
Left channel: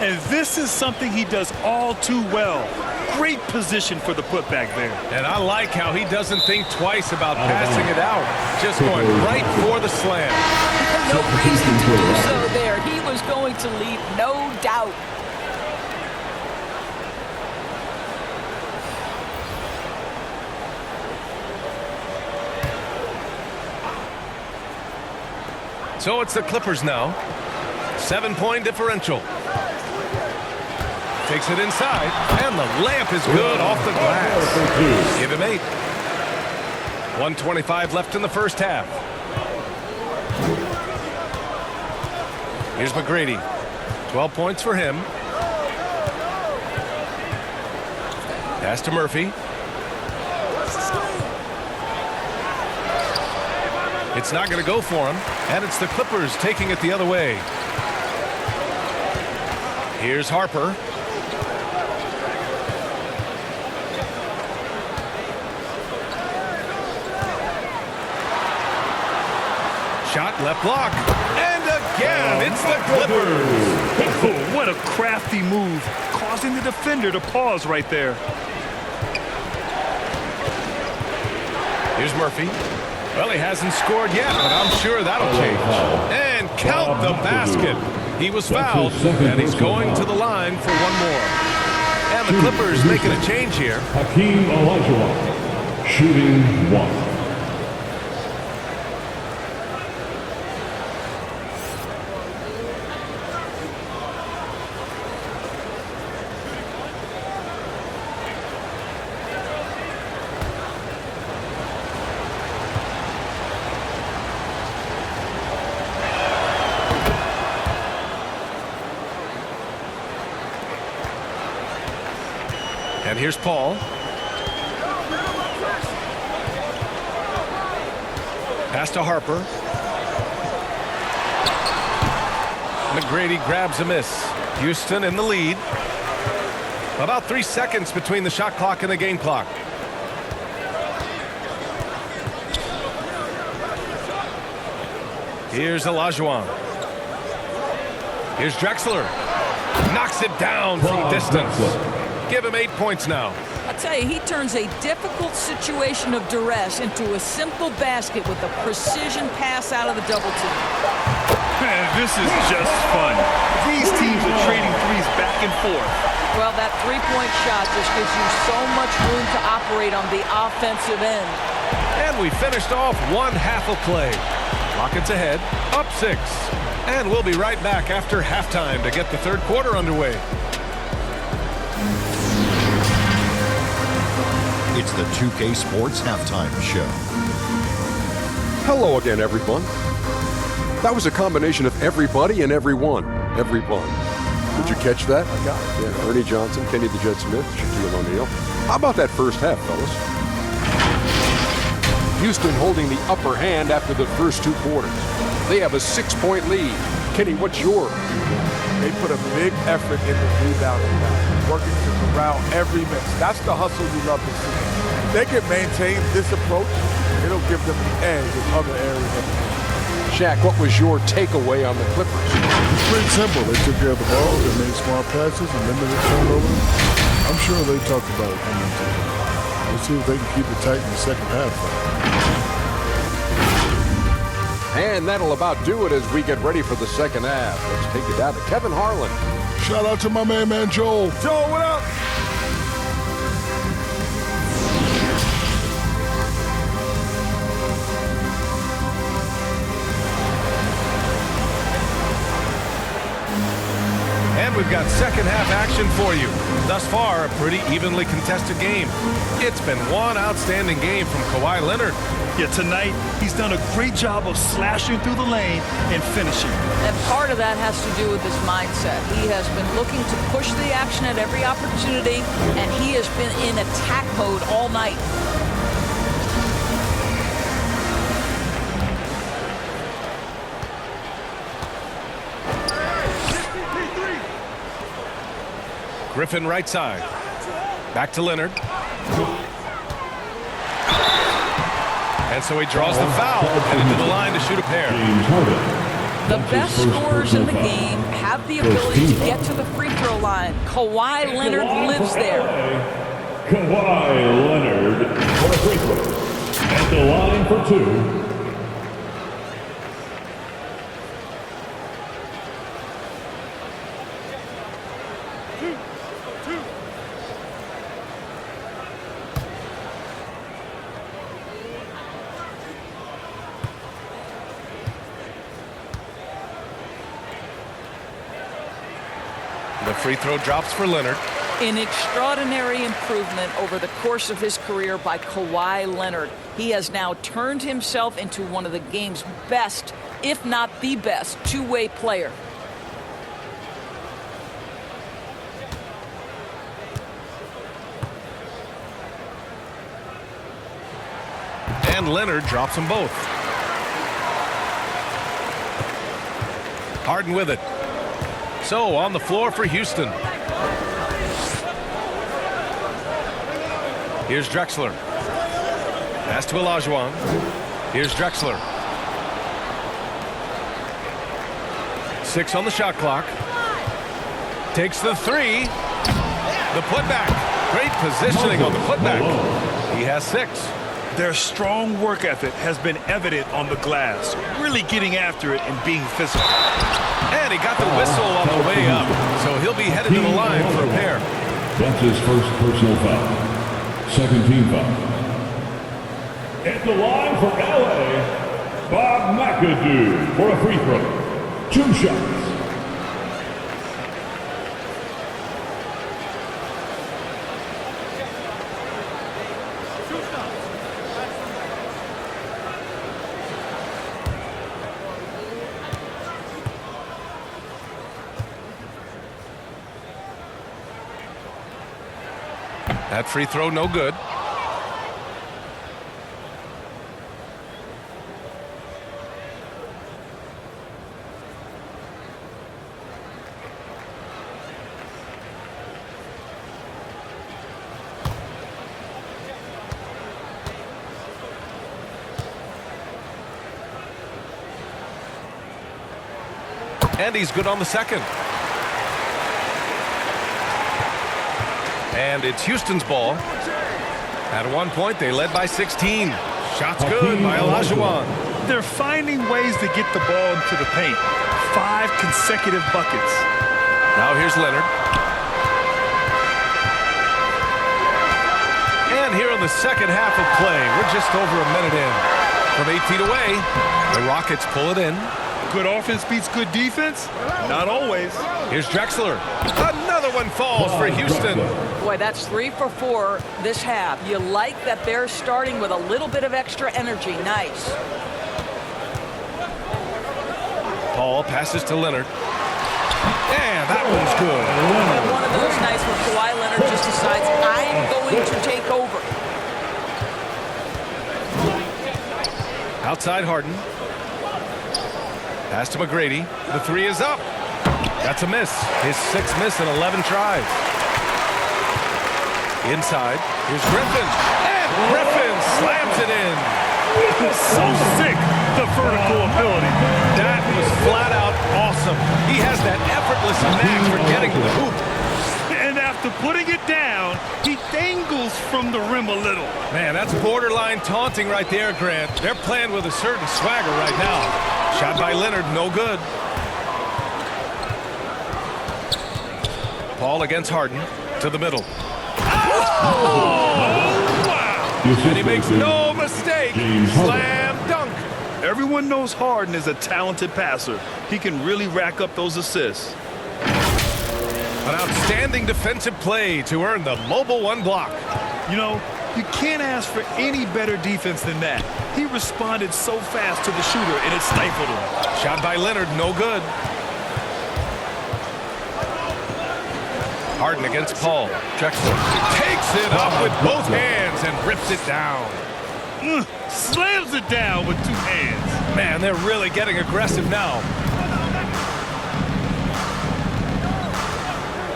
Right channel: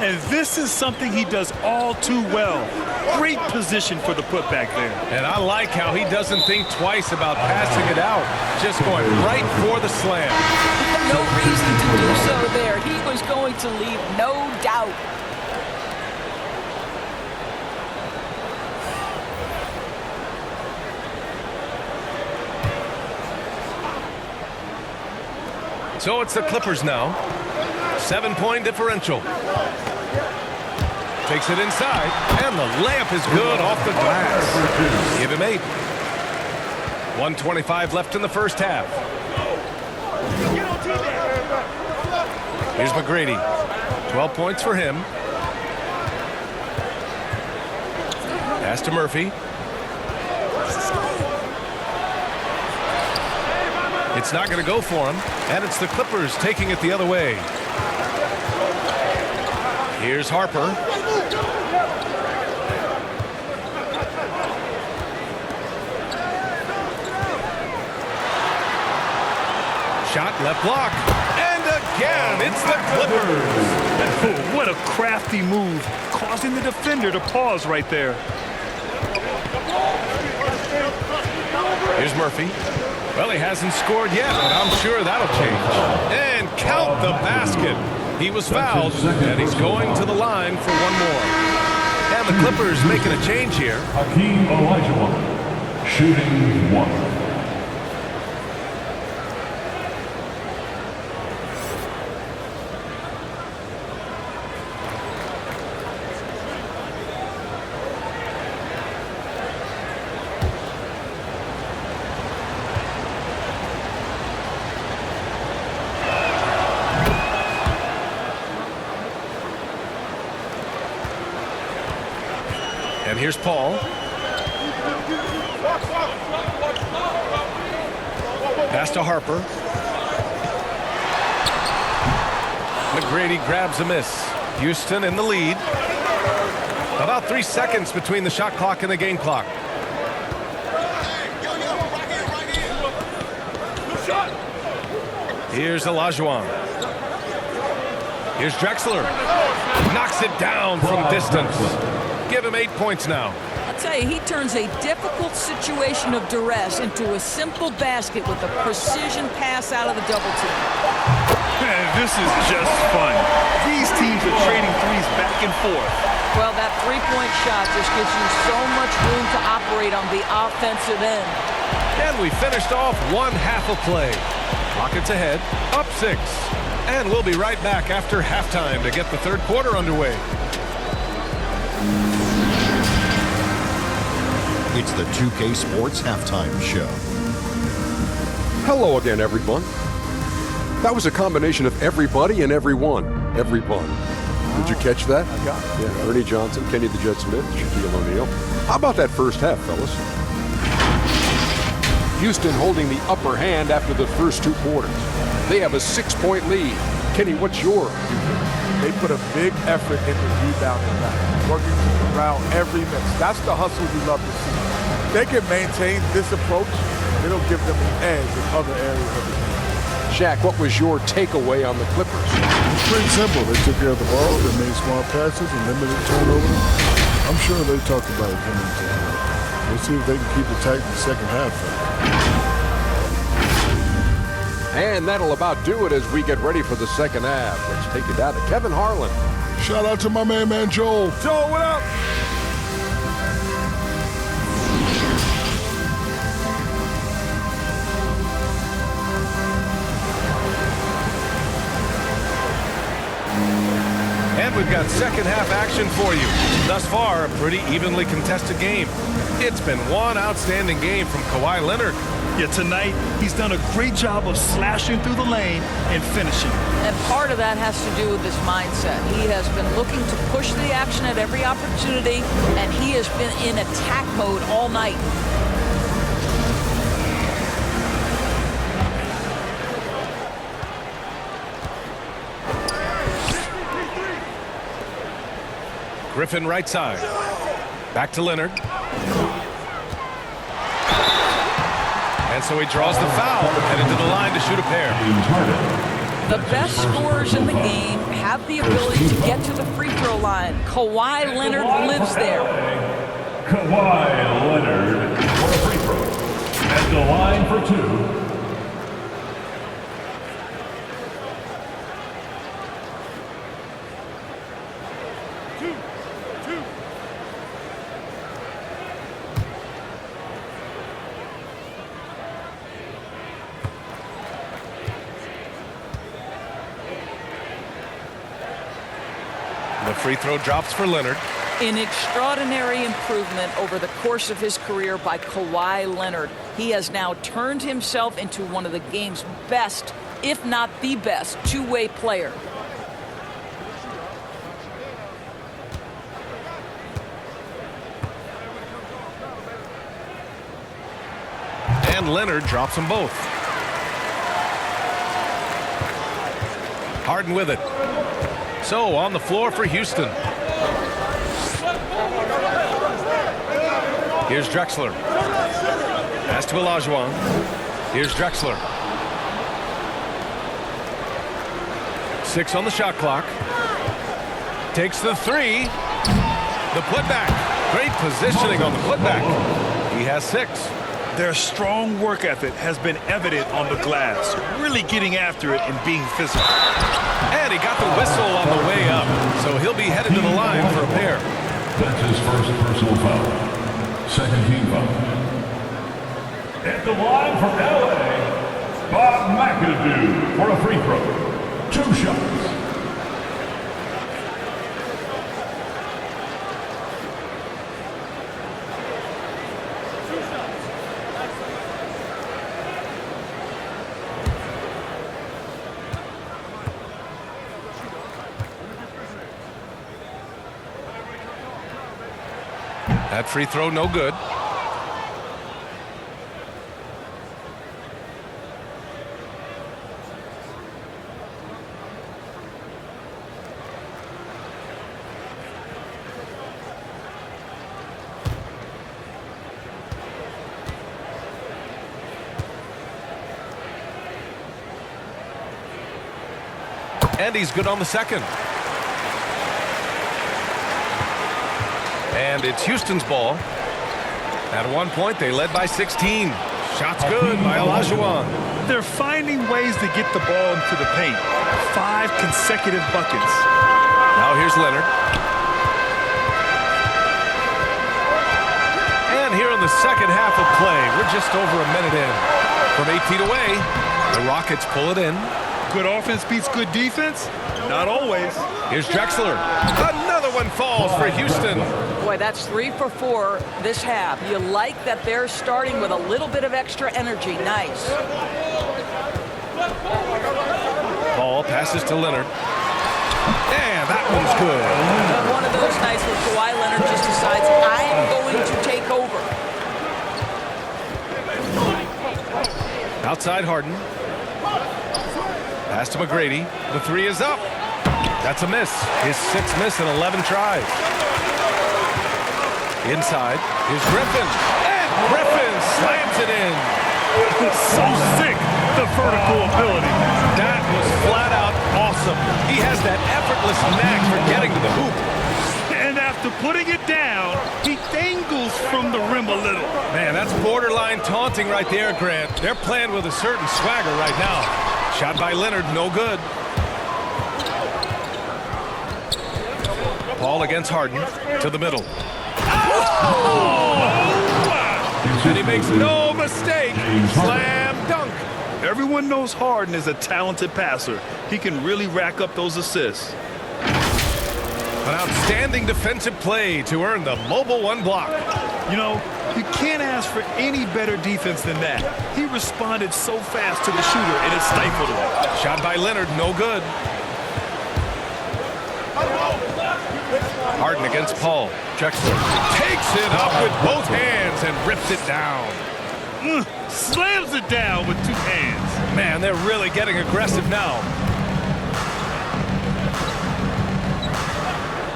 And this is something he does all too well. Great position for the putback there. And I like how he doesn't think twice about passing it out. Just going right for the slam. No reason to do so there. He was going to leave, no doubt. So it's the Clippers now. 7-point differential. Takes it inside, and the layup is good off the glass. Give him 8. 1:25 left in the first half. Here's McGrady. 12 points for him. Pass to Murphy. It's not going to go for him, and it's the Clippers taking it the other way. Here's Harper. Shot left block. And again, it's the Clippers. Oh, what a crafty move, causing the defender to pause right there. Here's Murphy. Well, he hasn't scored yet, but I'm sure that'll change. And count the basket. He was fouled, and he's going to the line for one more. And the Clippers making a change here. Hakeem Olajuwon, shooting 1. And here's Paul. Pass to Harper. McGrady grabs a miss. Houston in the lead. About 3 seconds between the shot clock and the game clock. Here's Olajuwon. Here's Drexler. Knocks it down from distance. Give him 8 points now. I'll tell you, he turns a difficult situation of duress into a simple basket with a precision pass out of the double team. Man, this is just fun. These teams are trading threes back and forth. Well, that three-point shot just gives you so much room to operate on the offensive end. And we finished off one half of play. Rockets ahead, up 6. And we'll be right back after halftime to get the third quarter underway. It's the 2K Sports Halftime Show. Hello again, everyone. That was a combination of everybody and everyone. Everyone. Did you catch that? I got it. Yeah, Ernie Johnson, Kenny the Jet Smith, Shaquille O'Neal. How about that first half, fellas? Houston holding the upper hand after the first 2 quarters. They have a 6-point lead. Kenny, what's your viewpoint? They put a big effort in the rebounding back, working to corral every miss. That's the hustle you love to see. If they can maintain this approach, it'll give them the edge in other areas of the game. Shaq, what was your takeaway on the Clippers? It's pretty simple. They took care of the ball, they made smart passes, and limited turnovers. I'm sure they talked about it coming into the game. We'll see if they can keep it tight in the second half. And that'll about do it as we get ready for the second half. Let's take it down to Kevin Harlan. Shout out to my man Joel. Joe, what up? And we've got second half action for you. Thus far, a pretty evenly contested game. It's been one outstanding game from Kawhi Leonard. Yeah, tonight, he's done a great job of slashing through the lane and finishing. And part of that has to do with his mindset. He has been looking to push the action at every opportunity, and he has been in attack mode all night. Griffin right side. Back to Leonard. And so he draws the foul, heading to the line to shoot a pair. James Harden. The That's best his first scorers in the personal foul. game have the ability to get to the free throw line. Kawhi Leonard lives there. Kawhi Leonard for a free throw. At the line for two. The free throw drops for Leonard. An extraordinary improvement over the course of his career by Kawhi Leonard. He has now turned himself into one of the game's best, if not the best, two-way player. And Leonard drops them both. Harden with it. So on the floor for Houston. Here's Drexler. Pass to Olajuwon. Here's Drexler. 6 on the shot clock. Takes the three. The putback. Great positioning on the putback. He has 6. Their strong work ethic has been evident on the glass, really getting after it and being physical. And he got the whistle on the way up, so he'll be headed to the line for a pair. That's his first personal foul. Second team foul. At the line for LA, Bob McAdoo for a free throw. 2 shots. That free throw no good. And he's good on the second. And it's Houston's ball. At one point, they led by 16. Shots good by Olajuwon. They're finding ways to get the ball into the paint. 5 consecutive buckets. Now here's Leonard. And here in the second half of play, we're just over a minute in. From 8 feet away, the Rockets pull it in. Good offense beats good defense? Not always. Here's Drexler. Another one falls for Houston. Boy, that's 3 for 4 this half. You like that they're starting with a little bit of extra energy. Nice. Paul passes to Leonard. And that one's good. And one of those nights where Kawhi Leonard just decides, I'm going to take over. Outside Harden. Pass to McGrady. The three is up. That's a miss. His 6th miss in 11 tries. Inside. Here's Griffin. And Griffin slams it in. So sick, the vertical ability. That was flat out awesome. He has that effortless knack for getting to the hoop. And after putting it down, he dangles from the rim a little. Man, that's borderline taunting right there, Grant. They're playing with a certain swagger right now. Shot by Leonard, no good. Paul against Harden, to the middle. Oh, wow! And he makes no mistake. Slam dunk. Everyone knows Harden is a talented passer. He can really rack up those assists. An outstanding defensive play to earn the Mobile One block. You know, you can't ask for any better defense than that. He responded so fast to the shooter, and it stifled him. Shot by Leonard, no good. Harden against Paul. Drexler takes it up with both hands and rips it down. Slams it down with 2 hands. Man, they're really getting aggressive now.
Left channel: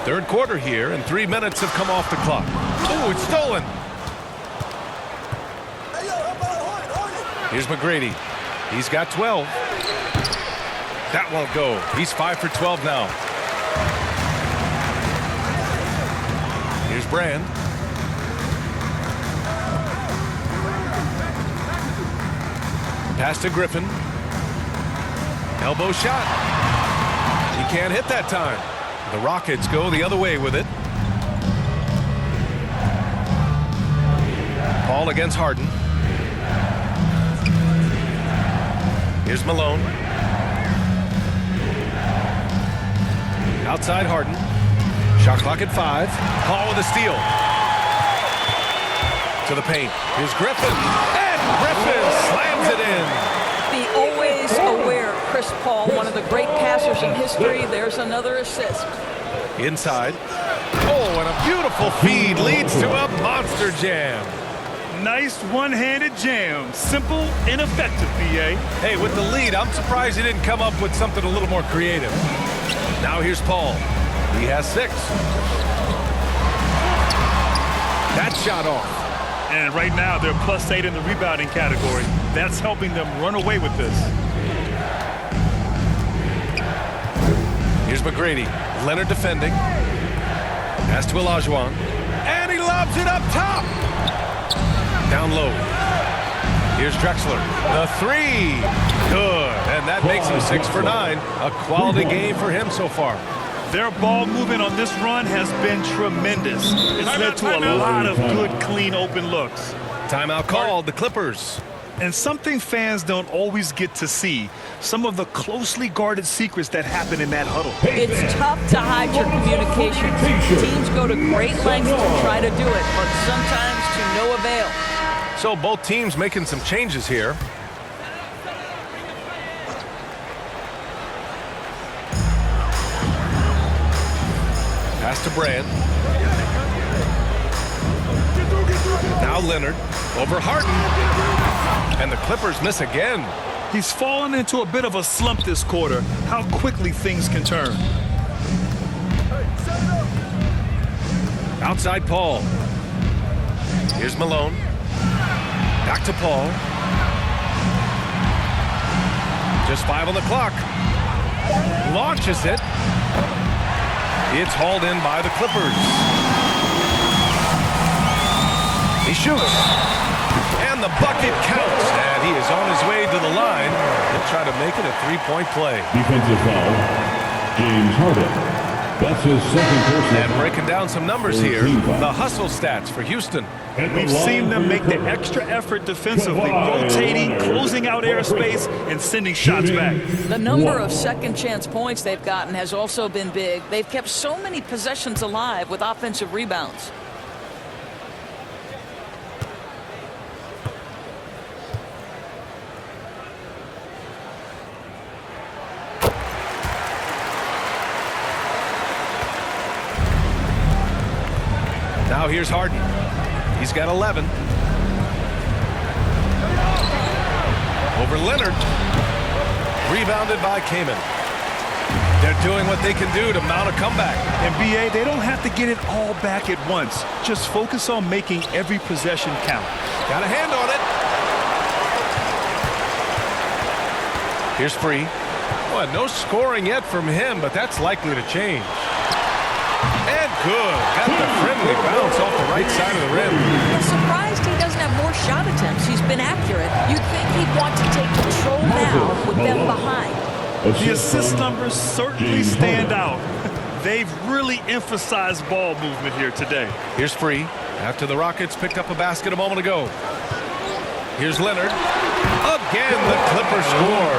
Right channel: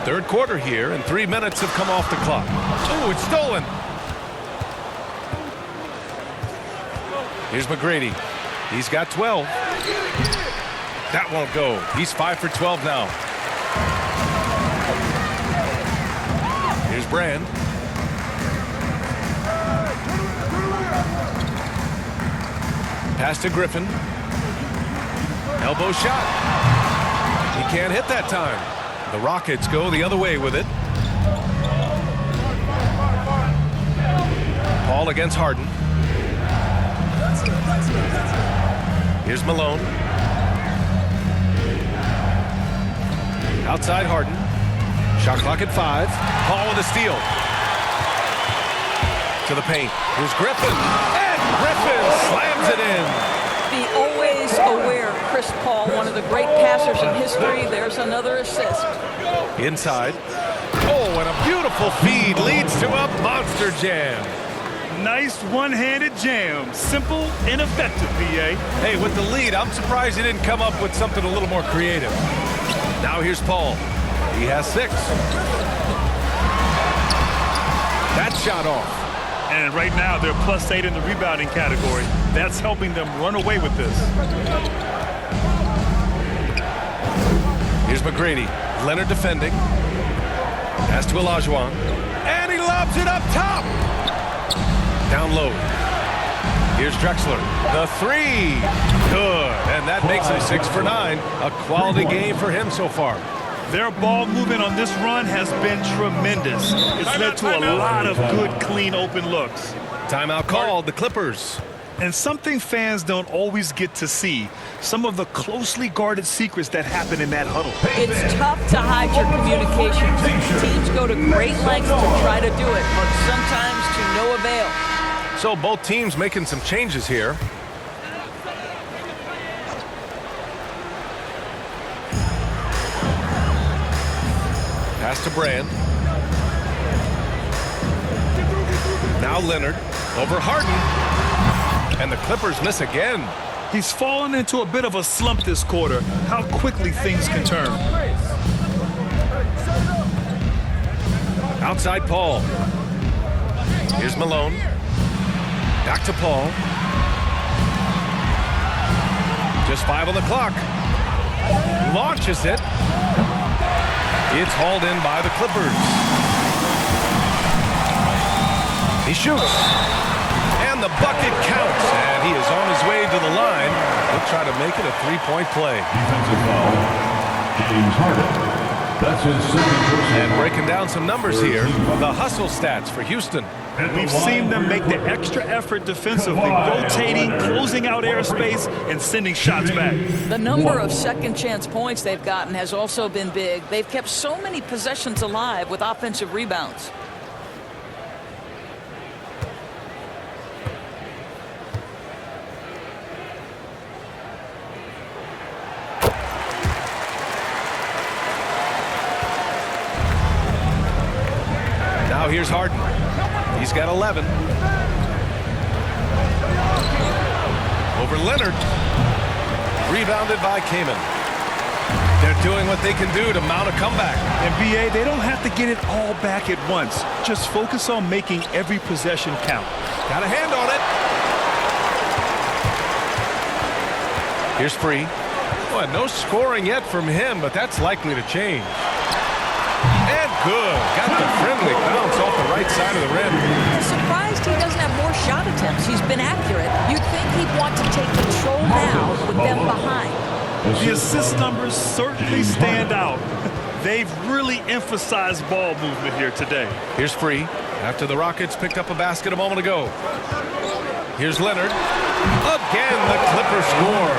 Third quarter here, and 3 minutes have come off the clock. Ooh, it's stolen. Here's McGrady. He's got 12. That won't go. He's 5 for 12 now. Here's Brand. Pass to Griffin. Elbow shot. He can't hit that time. The Rockets go the other way with it. Paul against Harden. Here's Malone. Outside Harden. Shot clock at 5. Paul with a steal. To the paint. Here's Griffin. And Griffin slams it in. The always aware Chris Paul, one of the great passers in history. There's another assist. Inside. Oh, and a beautiful feed leads to a monster jam. Nice one-handed jam. Simple and effective, B.A. Hey, with the lead, I'm surprised he didn't come up with something a little more creative. Now here's Paul. He has 6. That shot off. And right now, they're +8 in the rebounding category. That's helping them run away with this. Here's McGrady. Leonard defending. Pass to Olajuwon. And he lobs it up top. Down low. Here's Drexler. The 3. Good. And that makes him 6 for 9. A quality game for him so far. Their ball movement on this run has been tremendous. It's led to a lot of good, clean, open looks. Timeout called, the Clippers. And something fans don't always get to see, some of the closely guarded secrets that happen in that huddle. It's tough to hide your communication. Teams go to great lengths to try to do it, but sometimes to no avail. So both teams making some changes here. Pass to Brand. Now Leonard over Harden. And the Clippers miss again. He's fallen into a bit of a slump this quarter. How quickly things can turn. Outside Paul. Here's Malone. Back to Paul. Just 5 on the clock. Launches it. It's hauled in by the Clippers. He shoots. And the bucket counts. And he is on his way to the line. He'll try to make it a 3-point play. Defensive foul, James Harden. That's his second personal. And breaking down some numbers here, the hustle stats for Houston. We've seen them make the extra effort defensively, rotating, closing out airspace, and sending shots back. The number of second chance points they've gotten has also been big. They've kept so many possessions alive with offensive rebounds. Now here's Harden. He's got 11. Over Leonard. Rebounded by Kaman. They're doing what they can do to mount a comeback. And B.A., they don't have to get it all back at once. Just focus on making every possession count. Got a hand on it. Here's Free. Well, no scoring yet from him, but that's likely to change. And good. Got the friendly bounce off the right side of the rim. I'm surprised he doesn't have more shot attempts. He's been accurate. You'd think he'd want to take control now with them behind. The assist numbers certainly stand out. They've really emphasized ball movement here today. Here's Free. After the Rockets picked up a basket a moment ago. Here's Leonard. Again, the Clippers score.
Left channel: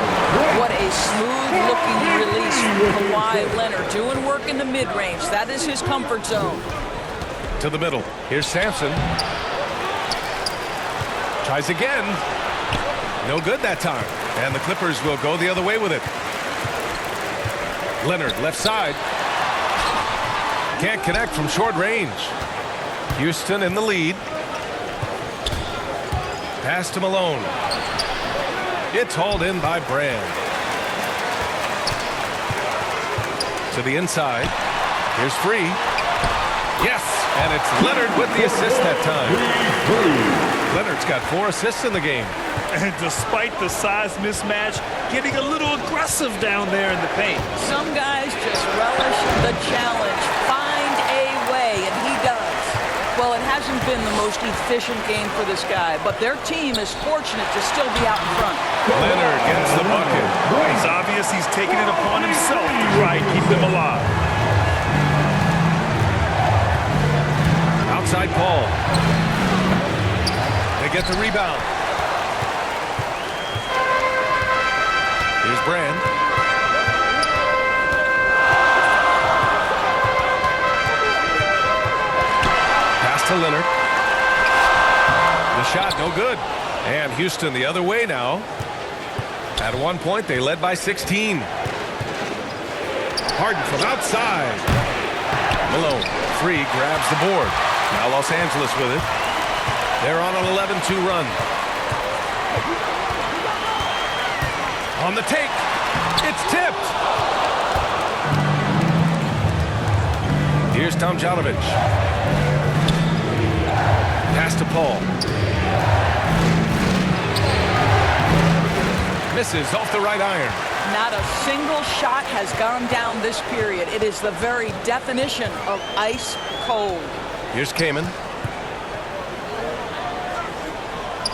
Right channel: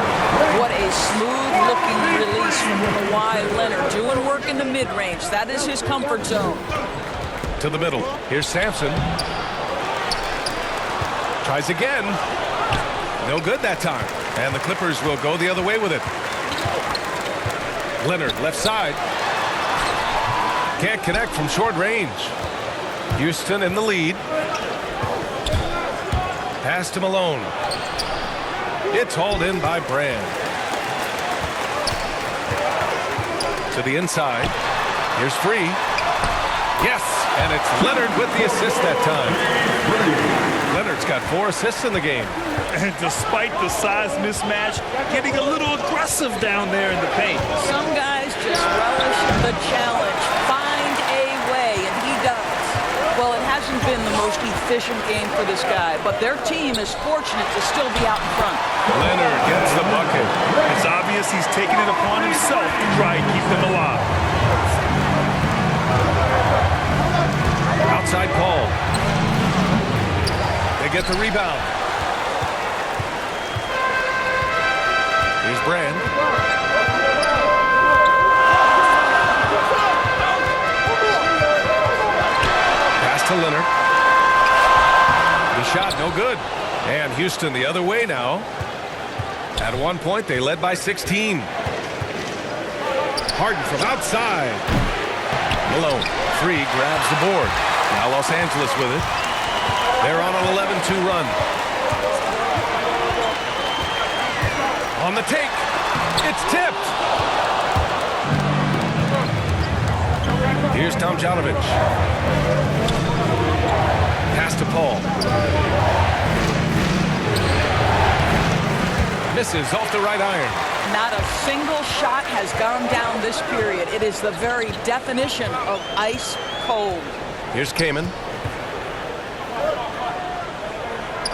What a smooth-looking release from Kawhi Leonard. Doing work in the mid-range. That is his comfort zone. To the middle. Here's Sampson. Tries again. No good that time. And the Clippers will go the other way with it. Leonard, left side. Can't connect from short range. Houston in the lead. Pass to Malone. It's hauled in by Brand. To the inside. Here's Free. Yes, and it's Leonard with the assist that time. Leonard's got 4 assists in the game. And despite the size mismatch, getting a little aggressive down there in the paint. Some guys just relish the challenge. Find a way, and he does. Well, it hasn't been the most efficient game for this guy, but their team is fortunate to still be out in front. Leonard gets the bucket. It's obvious he's taking it upon himself to try and keep them alive. Outside Paul. They get the rebound. Here's Brand. Pass to Leonard. The shot no good. And Houston the other way now. At one point they led by 16. Harden from outside. Malone. Free grabs the board. Now Los Angeles with it. They're on an 11-2 run. On the take. It's tipped. Here's Tomjanovich. Pass to Paul. Misses off the right iron. Not a single shot has gone down this period. It is the very definition of ice cold. Here's Kaman.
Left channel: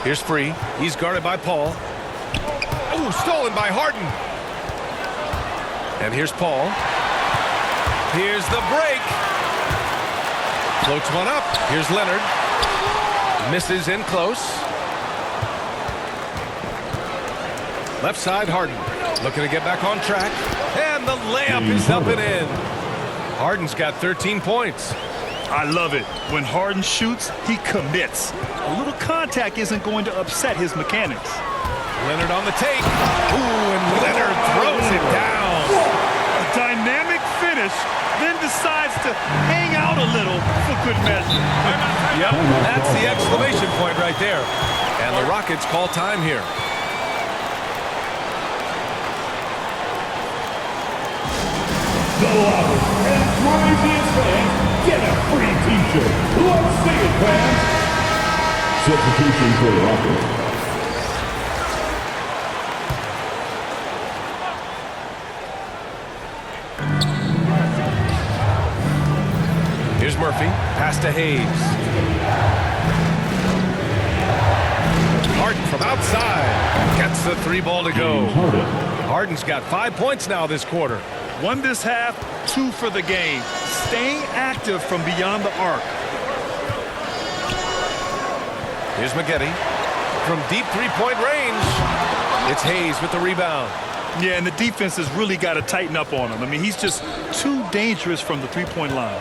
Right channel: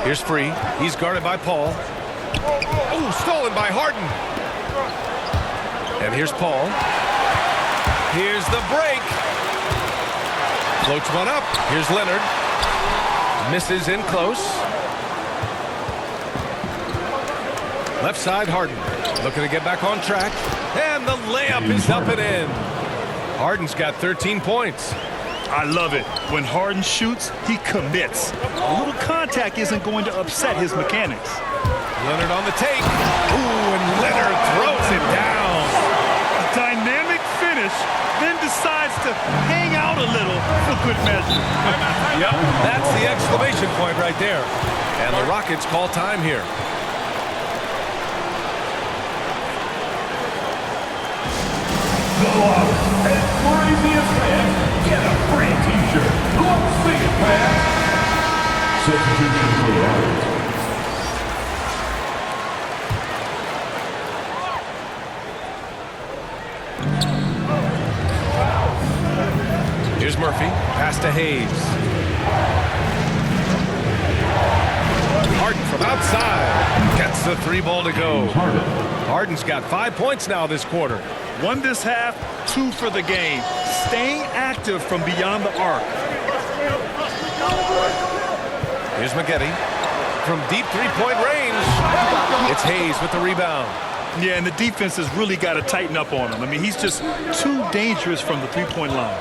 Here's Free. He's guarded by Paul. Oh, stolen by Harden. And here's Paul. Here's the break. Floats one up. Here's Leonard. Misses in close. Left side, Harden. Looking to get back on track. And the layup is up and in. Harden's got 13 points. I love it. When Harden shoots, he commits. A little contact isn't going to upset his mechanics. Leonard on the take. Ooh, and Leonard throws it down. A dynamic finish, then decides to hang out a little for good measure. Yep, that's the exclamation point right there. And the Rockets call time here. The loudest and craziest fans get a free t-shirt. Let's see it, fans. Substitution for the Rockets. Here's Murphy. Pass to Hayes. Harden from outside. Gets the 3 ball to go. Harden's got 5 points now this quarter. 1 this half, 2 for the game. Staying active from beyond the arc. Here's Maggette. From deep 3-point range. It's Hayes with the rebound. Yeah, and the defense has really got to tighten up on him. I mean, he's just too dangerous from the 3-point line.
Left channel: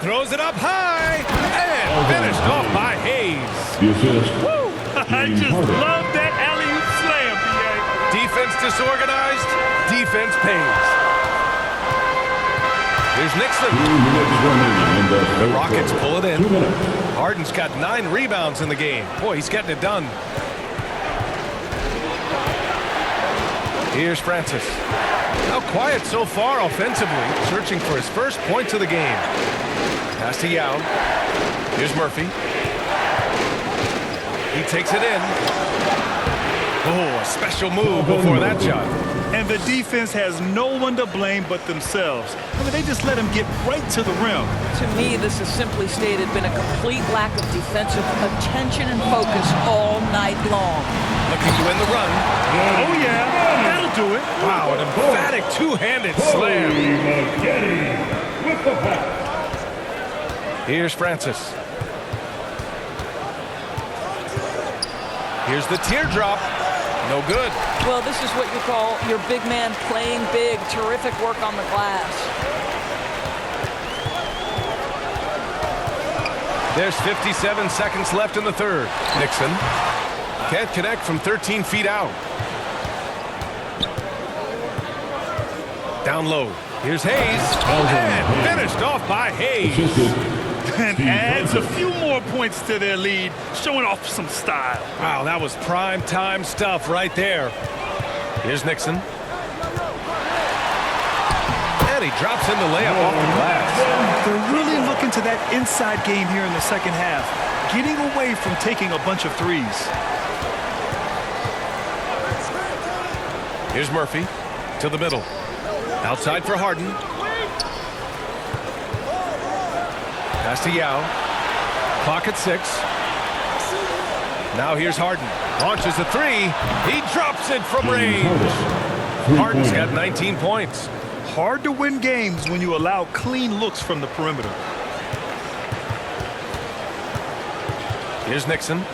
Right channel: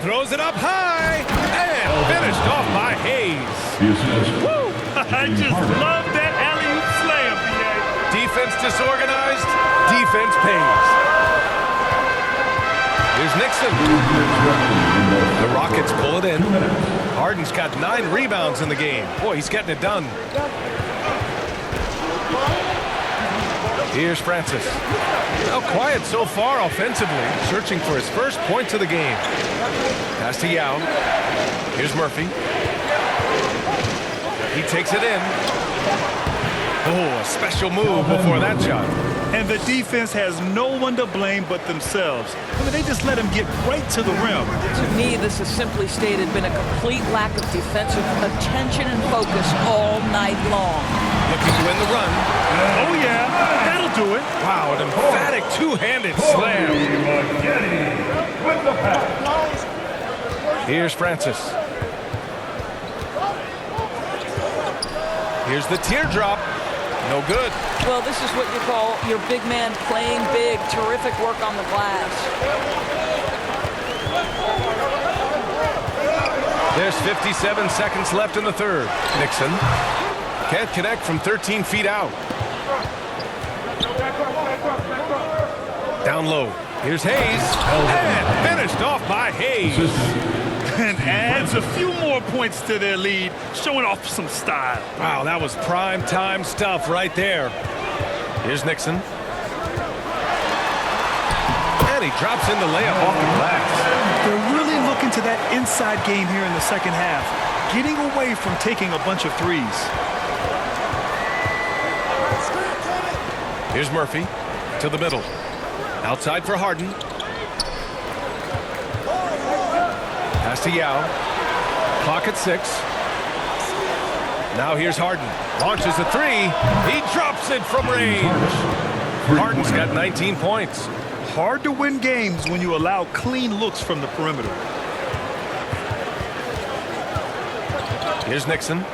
Throws it up high. And finished off by Hayes. The assist. Woo! I just love that alley-oop slam, B.A. Defense disorganized. Defense pays. Here's Nixon. 2 minutes remaining in The Rockets pull it in. 2 minutes. Harden's got 9 rebounds in the game. Boy, he's getting it done. Here's Francis. Now quiet so far offensively, searching for his first points of the game. Pass to Yao. Here's Murphy. He takes it in. Oh, a special move before that shot. And the defense has no one to blame but themselves. I mean, they just let him get right to the rim. To me, this has simply stated been a complete lack of defensive attention and focus all night long. Looking to win the run. Oh, yeah, that'll do it. Wow, an emphatic two-handed slam. Maggette with the pass. Here's Francis. Here's the teardrop. No good. Well, this is what you call your big man playing big. Terrific work on the glass. There's 57 seconds left in the third. Nixon can't connect from 13 feet out. Down low. Here's Hayes. And finished off by Hayes. And adds a few more points to their lead, showing off some style. Wow, that was prime time stuff right there. Here's Nixon. And he drops in the layup off the glass. They're really looking to that inside game here in the second half, getting away from taking a bunch of threes. Here's Murphy to the middle. Outside for Harden. Pass to Yao. Clock at 6. Now here's Harden. Launches a three. He drops it from range. Harden's got 19 points. Hard to win games when you allow clean looks from the perimeter. Here's Nixon.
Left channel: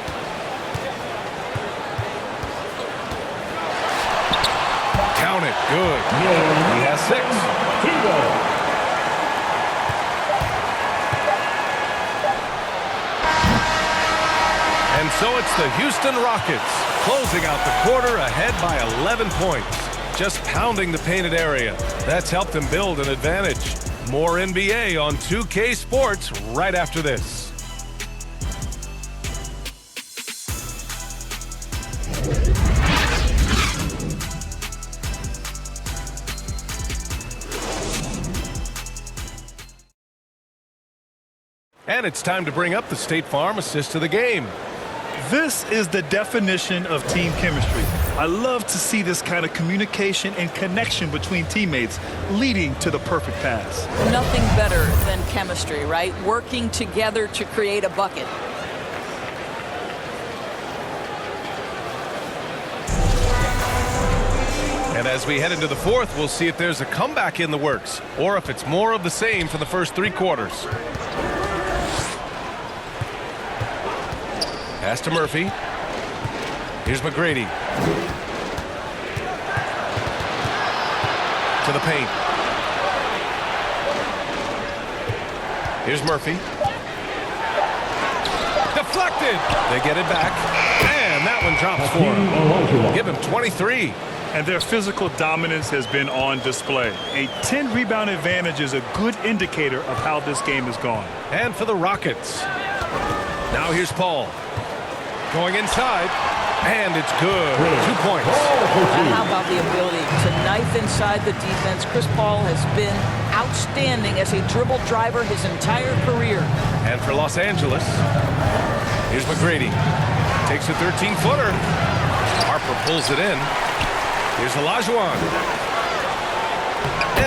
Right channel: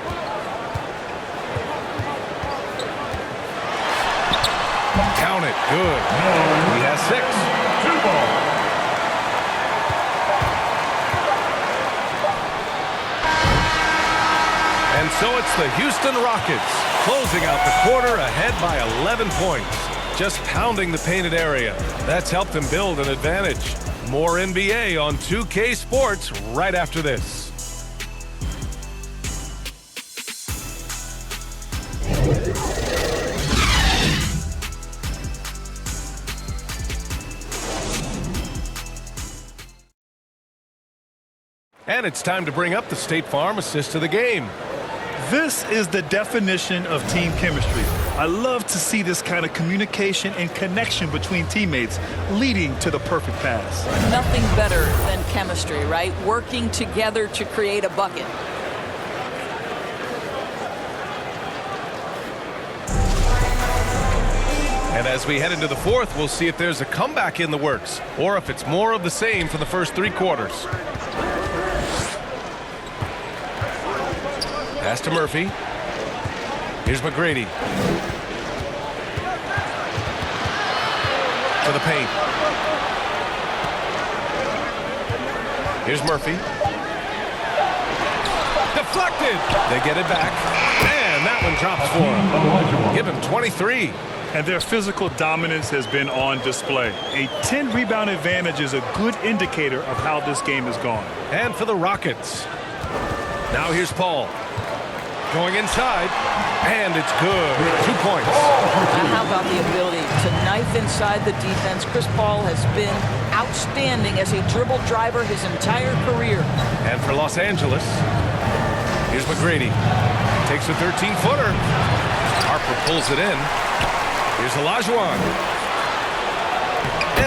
Count it. Good. He has 6. 2 ball. And so it's the Houston Rockets closing out the quarter ahead by 11 points. Just pounding the painted area. That's helped them build an advantage. More NBA on 2K Sports right after this. And it's time to bring up the State Farm assist of the game. This is the definition of team chemistry. I love to see this kind of communication and connection between teammates leading to the perfect pass. Nothing better than chemistry, right? Working together to create a bucket. And as we head into the fourth, we'll see if there's a comeback in the works or if it's more of the same for the first 3 quarters. Pass to Murphy. Here's McGrady. To the paint. Here's Murphy. Deflected. They get it back. And that one drops for him. Give him 23. And their physical dominance has been on display. A 10-rebound advantage is a good indicator of how this game has gone. And for the Rockets. Now here's Paul. Going inside, and it's good. 2 points. How about the ability to knife inside the defense? Chris Paul has been outstanding as a dribble driver his entire career. And for Los Angeles, here's McGrady. Takes a 13-footer. Harper pulls it in. Here's Olajuwon.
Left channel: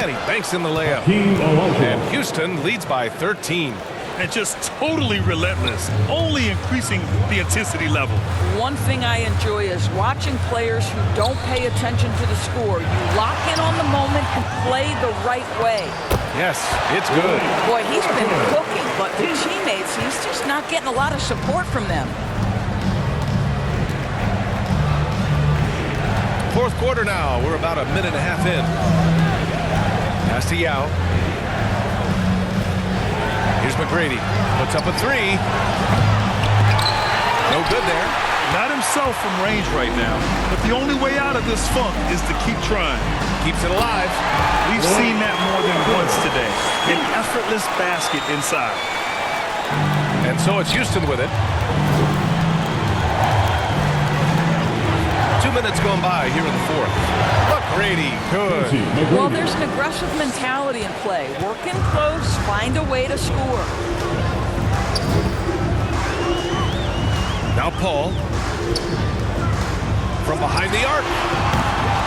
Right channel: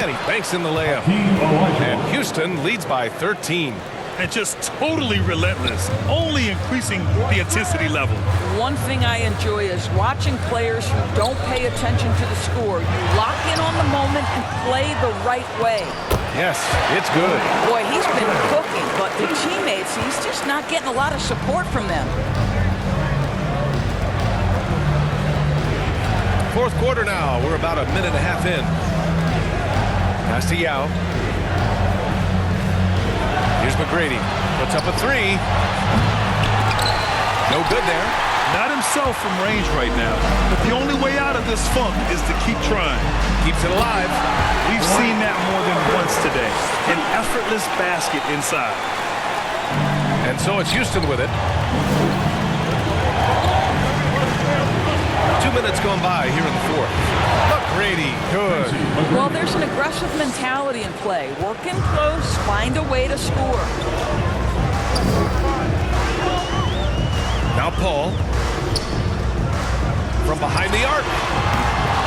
And he banks in the layup. And Houston leads by 13. And just totally relentless, only increasing the intensity level. One thing I enjoy is watching players who don't pay attention to the score. You lock in on the moment and play the right way. Yes, it's good. Boy, he's been cooking, but the teammates, he's just not getting a lot of support from them. Fourth quarter now. We're about a minute and a half in. Pass to Yao. Here's McGrady. Puts up a 3. No good there. Not himself from range right now, but the only way out of this funk is to keep trying. Keeps it alive. We've seen that more than once today. An effortless basket inside. And so it's Houston with it. 2 minutes gone by here in the fourth. McGrady, good. Well, there's an aggressive mentality in play. Working close, find a way to score. Now Paul. From behind the arc.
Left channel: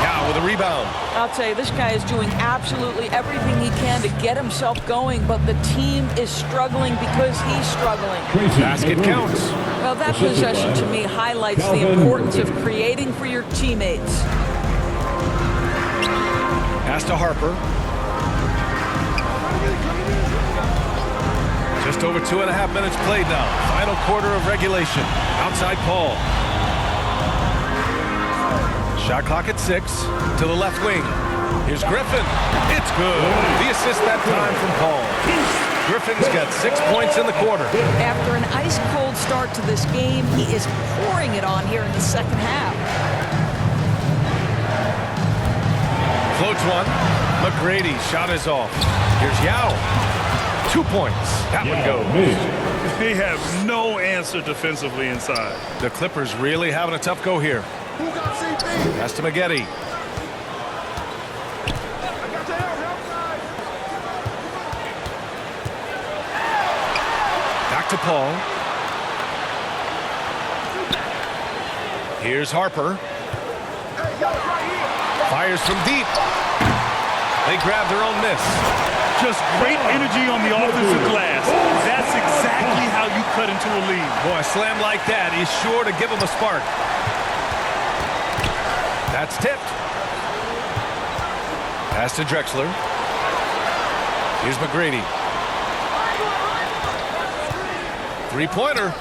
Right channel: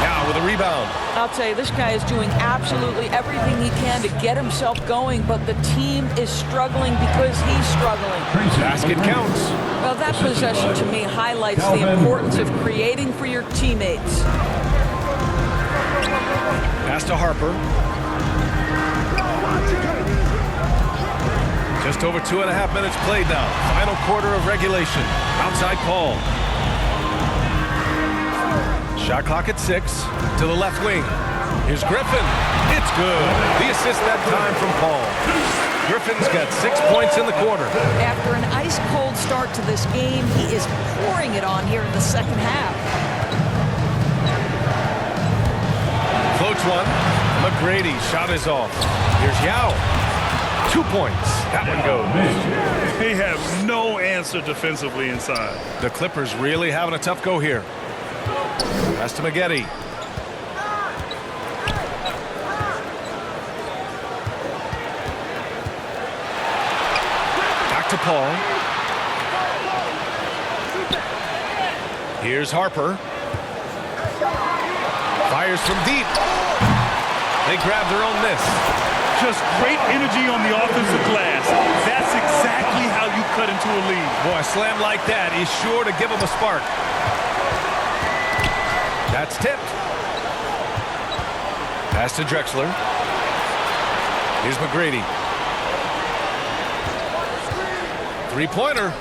Now with a rebound. I'll tell you, this guy is doing absolutely everything he can to get himself going, but the team is struggling because he's struggling. Basket counts. Well, that possession to me highlights the importance of creating for your teammates. Pass to Harper. Just over 2.5 minutes played now. Final quarter of regulation. Outside Paul. Shot clock at 6. To the left wing. Here's Griffin. It's good. The assist that time from Paul. Griffin's got 6 points in the quarter. After an ice-cold start to this game, he is pouring it on here in the second half. Floats one. McGrady shot is off. Here's Yao. 2 points. That one goes. They have no answer defensively inside. The Clippers really having a tough go here. Pass to Maggette. Back to Paul. Here's Harper. Fires from deep. They grab their own miss. Just great energy on the offensive glass. That's exactly how you cut into a lead. Boy, a slam like that is sure to give them a spark. That's tipped. Pass to Drexler. Here's McGrady. Three-pointer.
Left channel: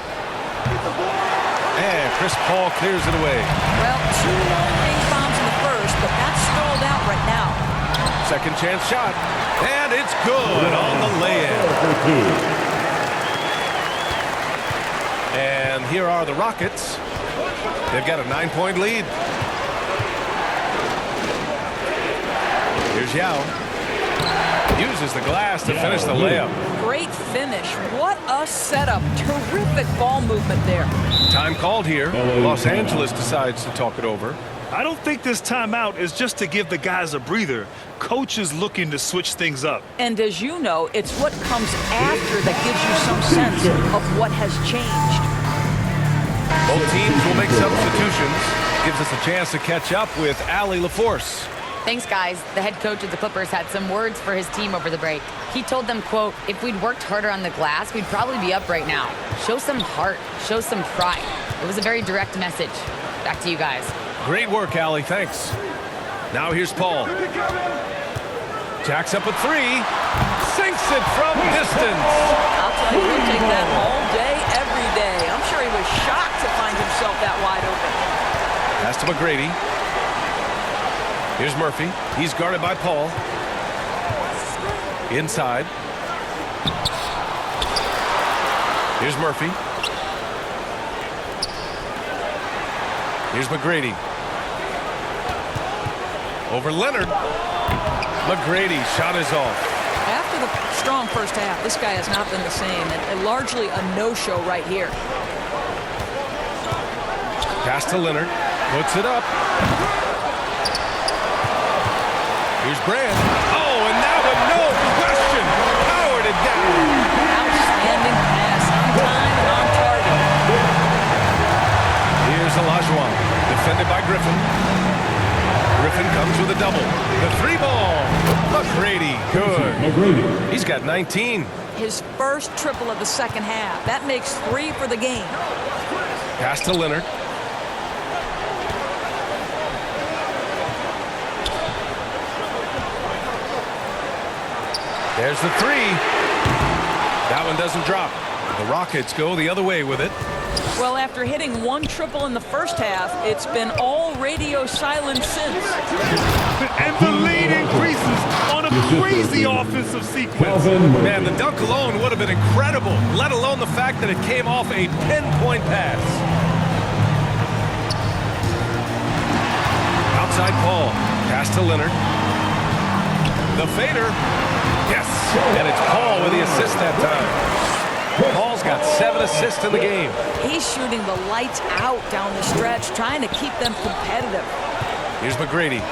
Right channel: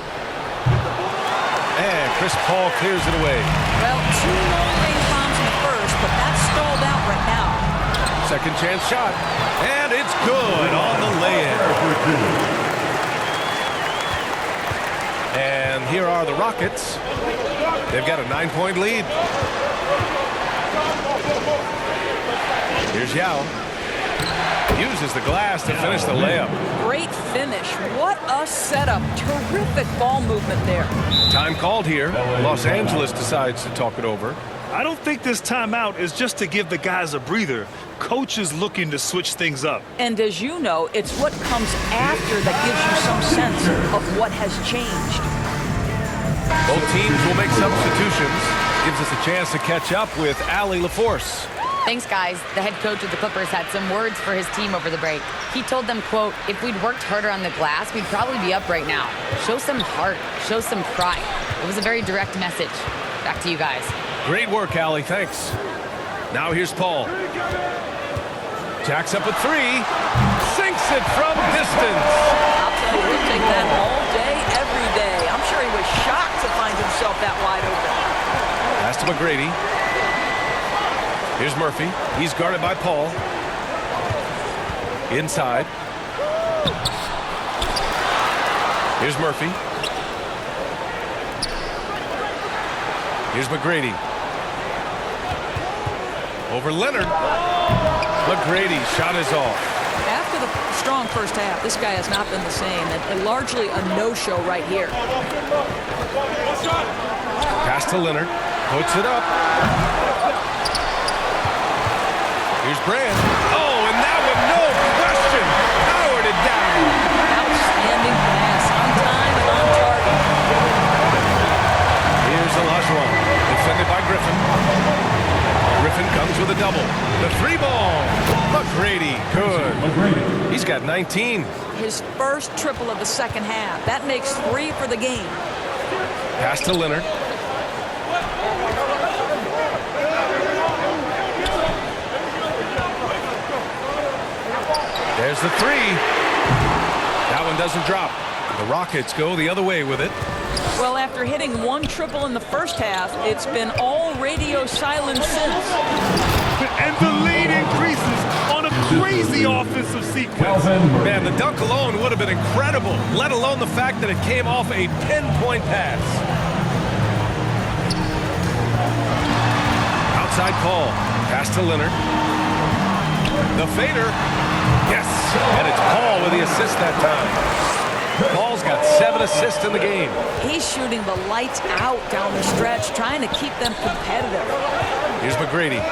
And Chris Paul clears it away. Well, 2 long-range bombs in the first, but that's stalled out right now. Second chance shot. And it's good on the lay-in. And here are the Rockets. They've got a 9-point lead. Here's Yao. Uses the glass to finish the layup. Great finish. What a setup. Terrific ball movement there. Time called here. Los Angeles decides to talk it over. I don't think this timeout is just to give the guys a breather. Coach is looking to switch things up. And as you know, it's what comes after that gives you some sense of what has changed. Both teams will make substitutions. Gives us a chance to catch up with Allie LaForce. Thanks, guys. The head coach of the Clippers had some words for his team over the break. He told them, quote, if we'd worked harder on the glass, we'd probably be up right now. Show some heart. Show some pride. It was a very direct message. Back to you guys. Great work, Allie. Thanks. Now here's Paul. Jacks up a three. Sinks it from distance. I'll tell you, he'll take that all day, every day. I'm sure he was shocked to find himself that wide open. Pass to McGrady. Here's Murphy. He's guarded by Paul. Inside. Here's Murphy. Here's McGrady. Over Leonard. McGrady shot is off. After the strong first half, this guy has not been the same, and largely a no-show right here. Pass to Leonard. Puts it up. Here's Brand. Oh, and that one, no question, powered it down. Outstanding pass, on time and on target. Here's Olajuwon, defended by Griffin. Griffin comes with a double. The three ball. McGrady, good. McGrady. He's got 19. His first triple of the second half. That makes 3 for the game. Pass to Leonard. There's the three. That one doesn't drop. The Rockets go the other way with it. Well, after hitting 1 triple in the first half, it's been all radio silent since. And the lead increases on a crazy offensive sequence. Man, the dunk alone would have been incredible, let alone the fact that it came off a pinpoint pass. Outside Paul. Pass to Leonard. The fader. Yes, and it's Paul with the assist that time. Paul's got 7 assists in the game. He's shooting the lights out down the stretch, trying to keep them competitive. Here's McGrady.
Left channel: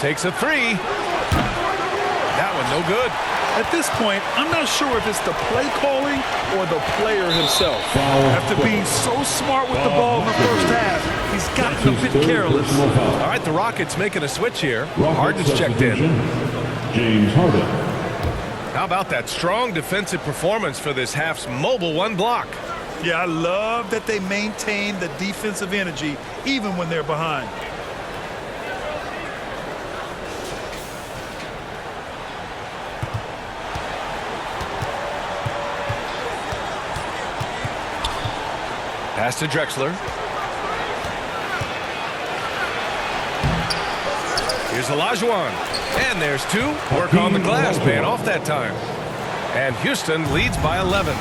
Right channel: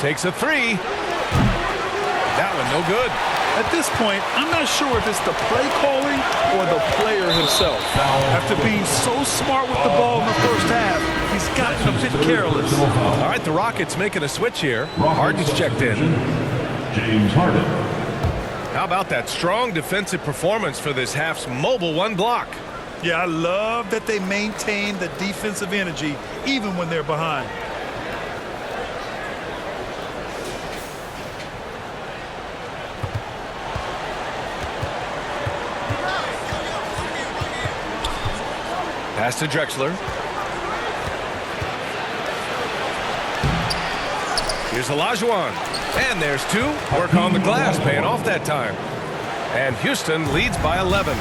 Takes a three. That one no good. At this point, I'm not sure if it's the play calling or the player himself. After being so smart with the ball in the first half, he's gotten a bit careless. All right, the Rockets making a switch here. Harden's checked in. James Harden. How about that strong defensive performance for this half's mobile 1 block? Yeah, I love that they maintain the defensive energy even when they're behind. Pass to Drexler. Here's Olajuwon. And there's 2. Work on the glass, paying off that time. And Houston leads by 11.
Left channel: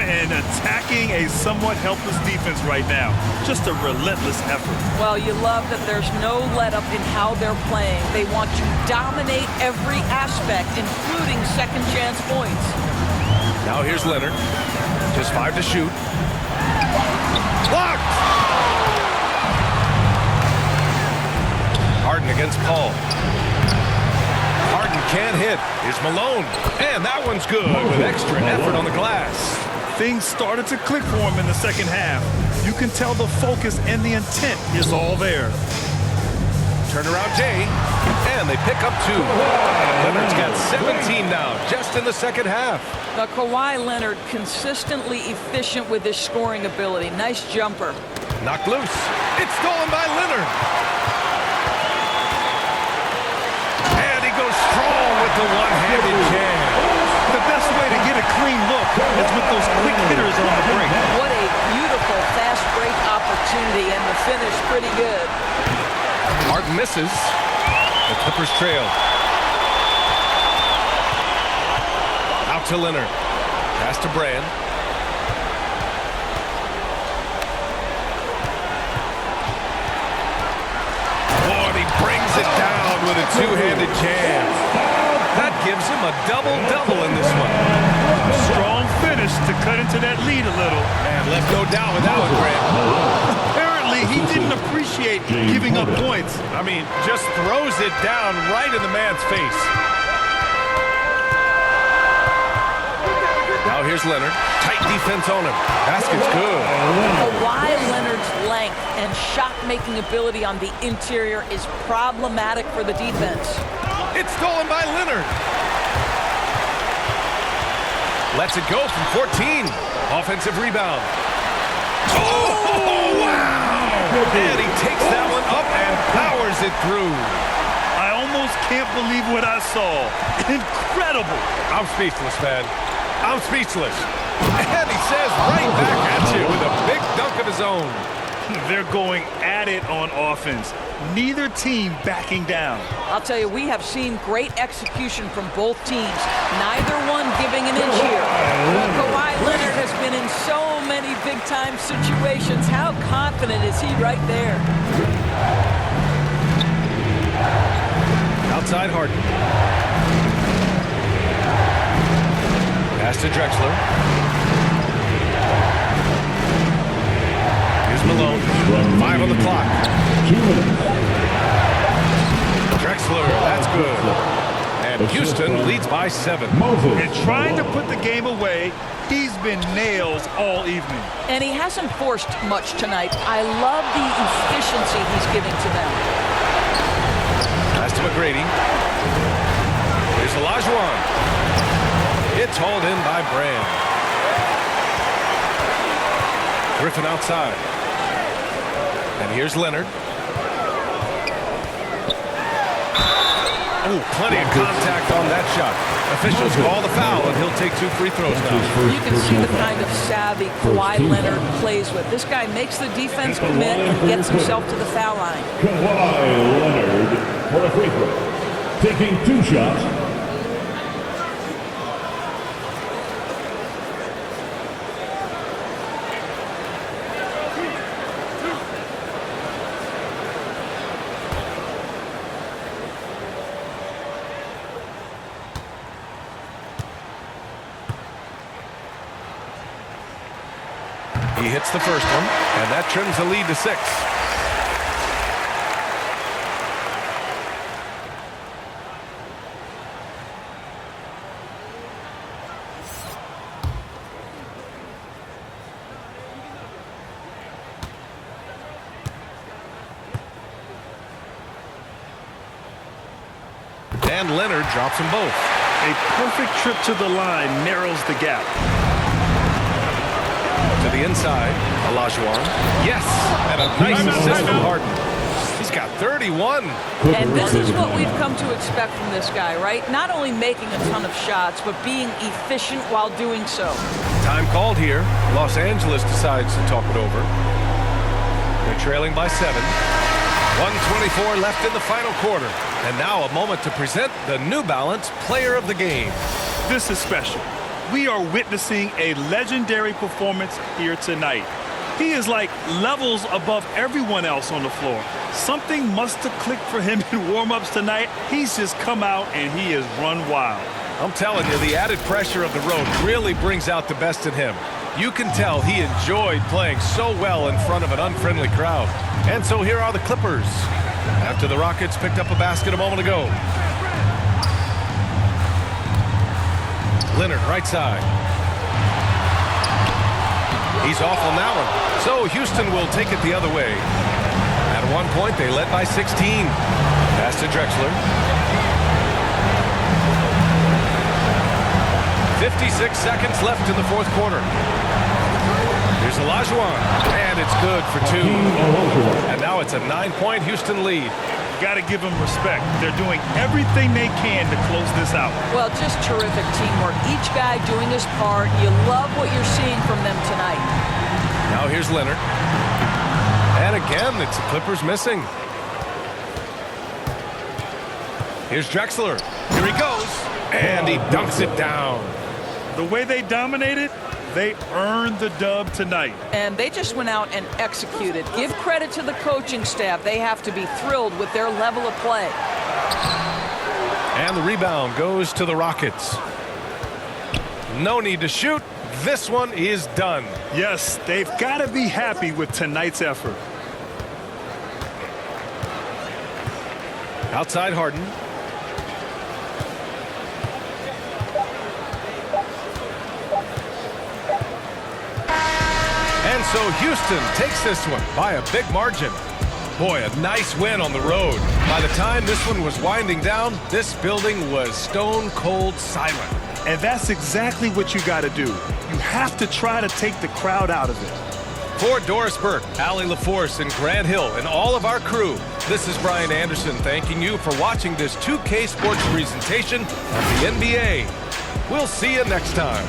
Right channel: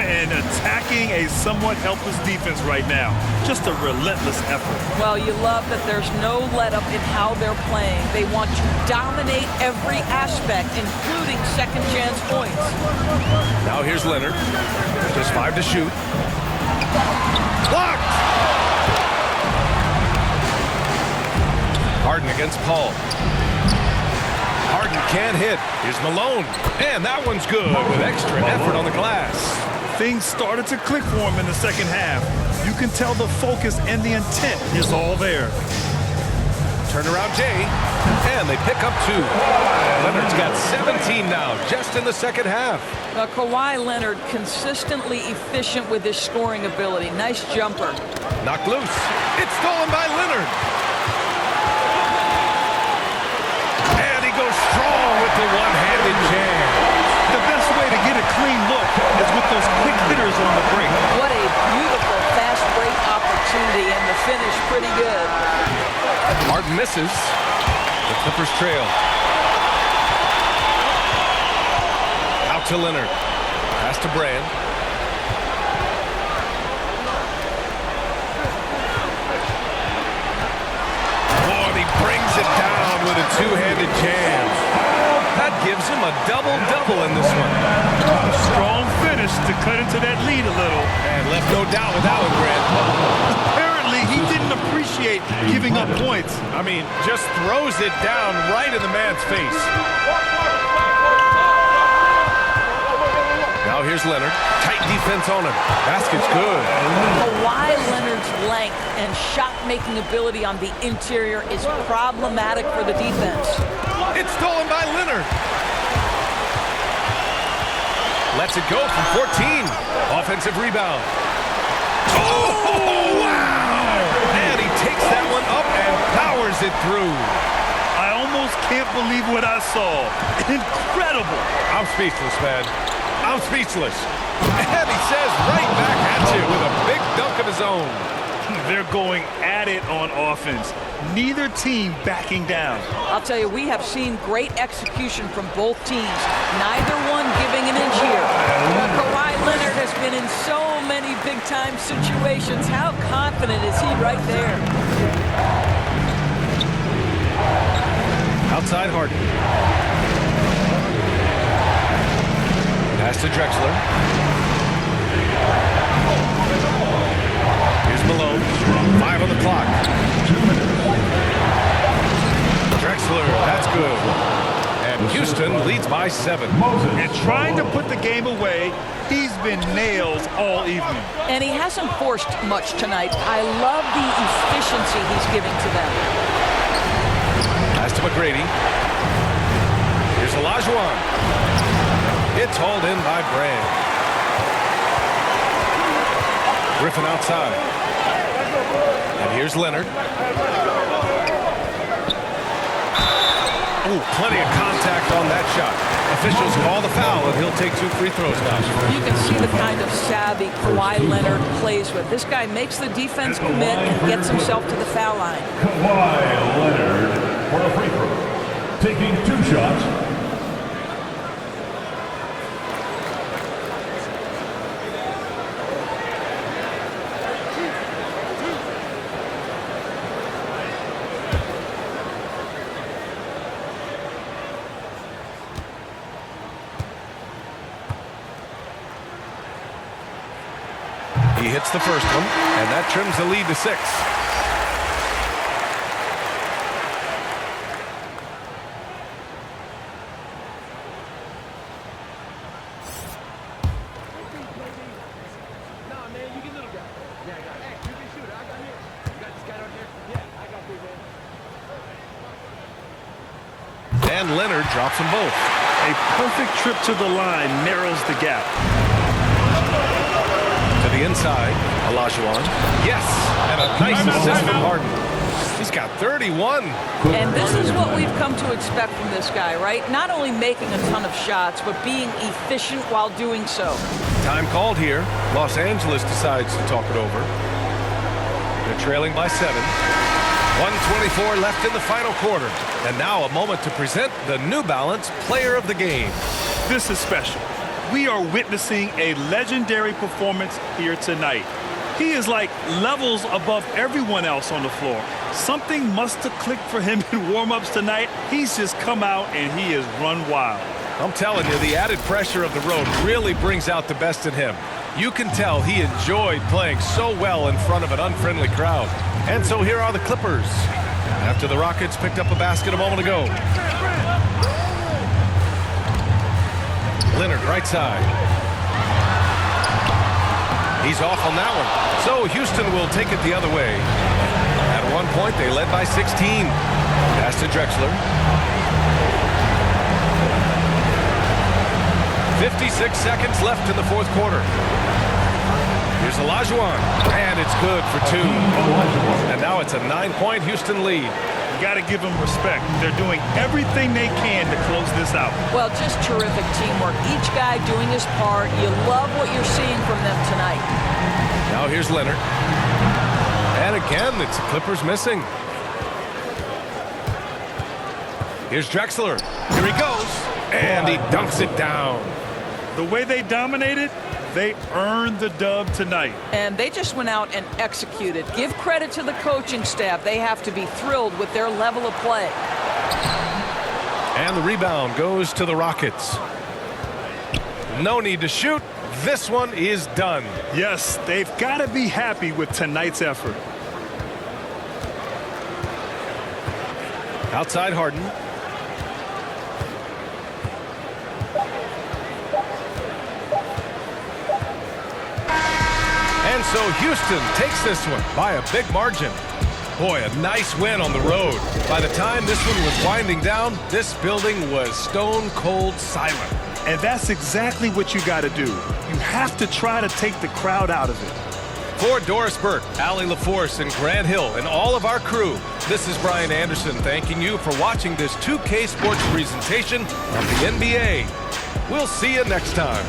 And attacking a somewhat helpless defense right now. Just a relentless effort. Well, you love that there's no let-up in how they're playing. They want to dominate every aspect, including second-chance points. Now here's Leonard. Just 5 to shoot. Blocked! Harden against Paul. Harden can't hit. Here's Malone. And that one's good with extra effort on the glass. Things started to click for him in the second half. You can tell the focus and the intent is all there. Turnaround Jay. And they pick up 2. Leonard's got 17 now just in the second half. Now, Kawhi Leonard consistently efficient with his scoring ability. Nice jumper. Knocked loose. It's stolen by Leonard. And he goes strong with the one-handed jam. The best way to get a clean look is with those quick hitters on the break. What a beautiful fast break opportunity, and the finish pretty good. Harden misses. The Clippers trail. Out to Leonard. Pass to Brand. Oh, and he brings it down with a two-handed jam. That gives him a double-double in this one. A strong finish to cut into that lead a little. Man, left no doubt with that one, Grant. Apparently, he didn't appreciate giving up points. I mean, just throws it down right in the man's face. Now here's Leonard. Tight defense on him. Basket's good. Kawhi Leonard's length and shot-making ability on the interior is problematic for the defense. It's stolen by Leonard. Lets it go from 14. Offensive rebound. Oh, wow! And he takes that one up and powers it through. I almost can't believe what I saw. Incredible. I'm speechless, man. I'm speechless. And he says right back at you with a big dunk of his own. They're going at it on offense. Neither team backing down. I'll tell you, we have seen great execution from both teams. Neither one giving an inch here. Kawhi Leonard has been in so many big-time situations. How confident is he right there? Outside Harden. Pass to Drexler. Here's Malone. 5 on the clock. 2 minutes. Drexler, that's good. And Houston leads by 7. And trying to put the game away, he's been nails all evening. And he hasn't forced much tonight. I love the efficiency he's giving to them. Pass to McGrady. Here's Olajuwon. It's hauled in by Brand. Griffin outside. And here's Leonard. Oh, plenty of contact on that shot. Officials call the foul, and he'll take 2 free throws now. You can see the kind of savvy Kawhi Leonard plays with. This guy makes the defense commit and gets himself to the foul line. Kawhi Leonard for a free throw. Taking 2 shots. He hits the first one, and that trims the lead to 6. And Leonard drops them both. A perfect trip to the line narrows the gap. To the inside, Olajuwon. Yes, and a nice assist from Harden. He's got 31. And this is what we've come to expect from this guy, right? Not only making a ton of shots, but being efficient while doing so. Time called here. Los Angeles decides to talk it over. They're trailing by 7. 1:24 left in the final quarter. And now a moment to present the New Balance Player of the Game. This is special. We are witnessing a legendary performance here tonight. He is like levels above everyone else on the floor. Something must have clicked for him in warm-ups tonight. He's just come out and he has run wild. I'm telling you, the added pressure of the road really brings out the best in him. You can tell he enjoyed playing so well in front of an unfriendly crowd. And so here are the Clippers. After the Rockets picked up a basket a moment ago. Leonard, right side. He's off on that one. So Houston will take it the other way. At one point, they led by 16. Pass to Drexler. 56 seconds left in the fourth quarter. Here's Olajuwon, and it's good for 2. And now it's a 9-point Houston lead. You got to give them respect. They're doing everything they can to close this out. Well, just terrific teamwork. Each guy doing his part. You love what you're seeing from them tonight. Now here's Leonard. And again, it's the Clippers missing. Here's Drexler. Here he goes. And he dunks it down. The way they dominated, they earned the dub tonight. And they just went out and executed. Give credit to the coaching staff. They have to be thrilled with their level of play. And the rebound goes to the Rockets. No need to shoot. This one is done. Yes, they've got to be happy with tonight's effort. Outside Harden. And so Houston takes this one by a big margin. Boy, a nice win on the road. By the time this one was winding down, this building was stone cold silent. And that's exactly what you got to do. You have to try to take the crowd out of it. For Doris Burke, Allie LaForce, and Grant Hill, and all of our crew, this is Brian Anderson thanking you for watching this 2K Sports presentation of the NBA. We'll see you next time.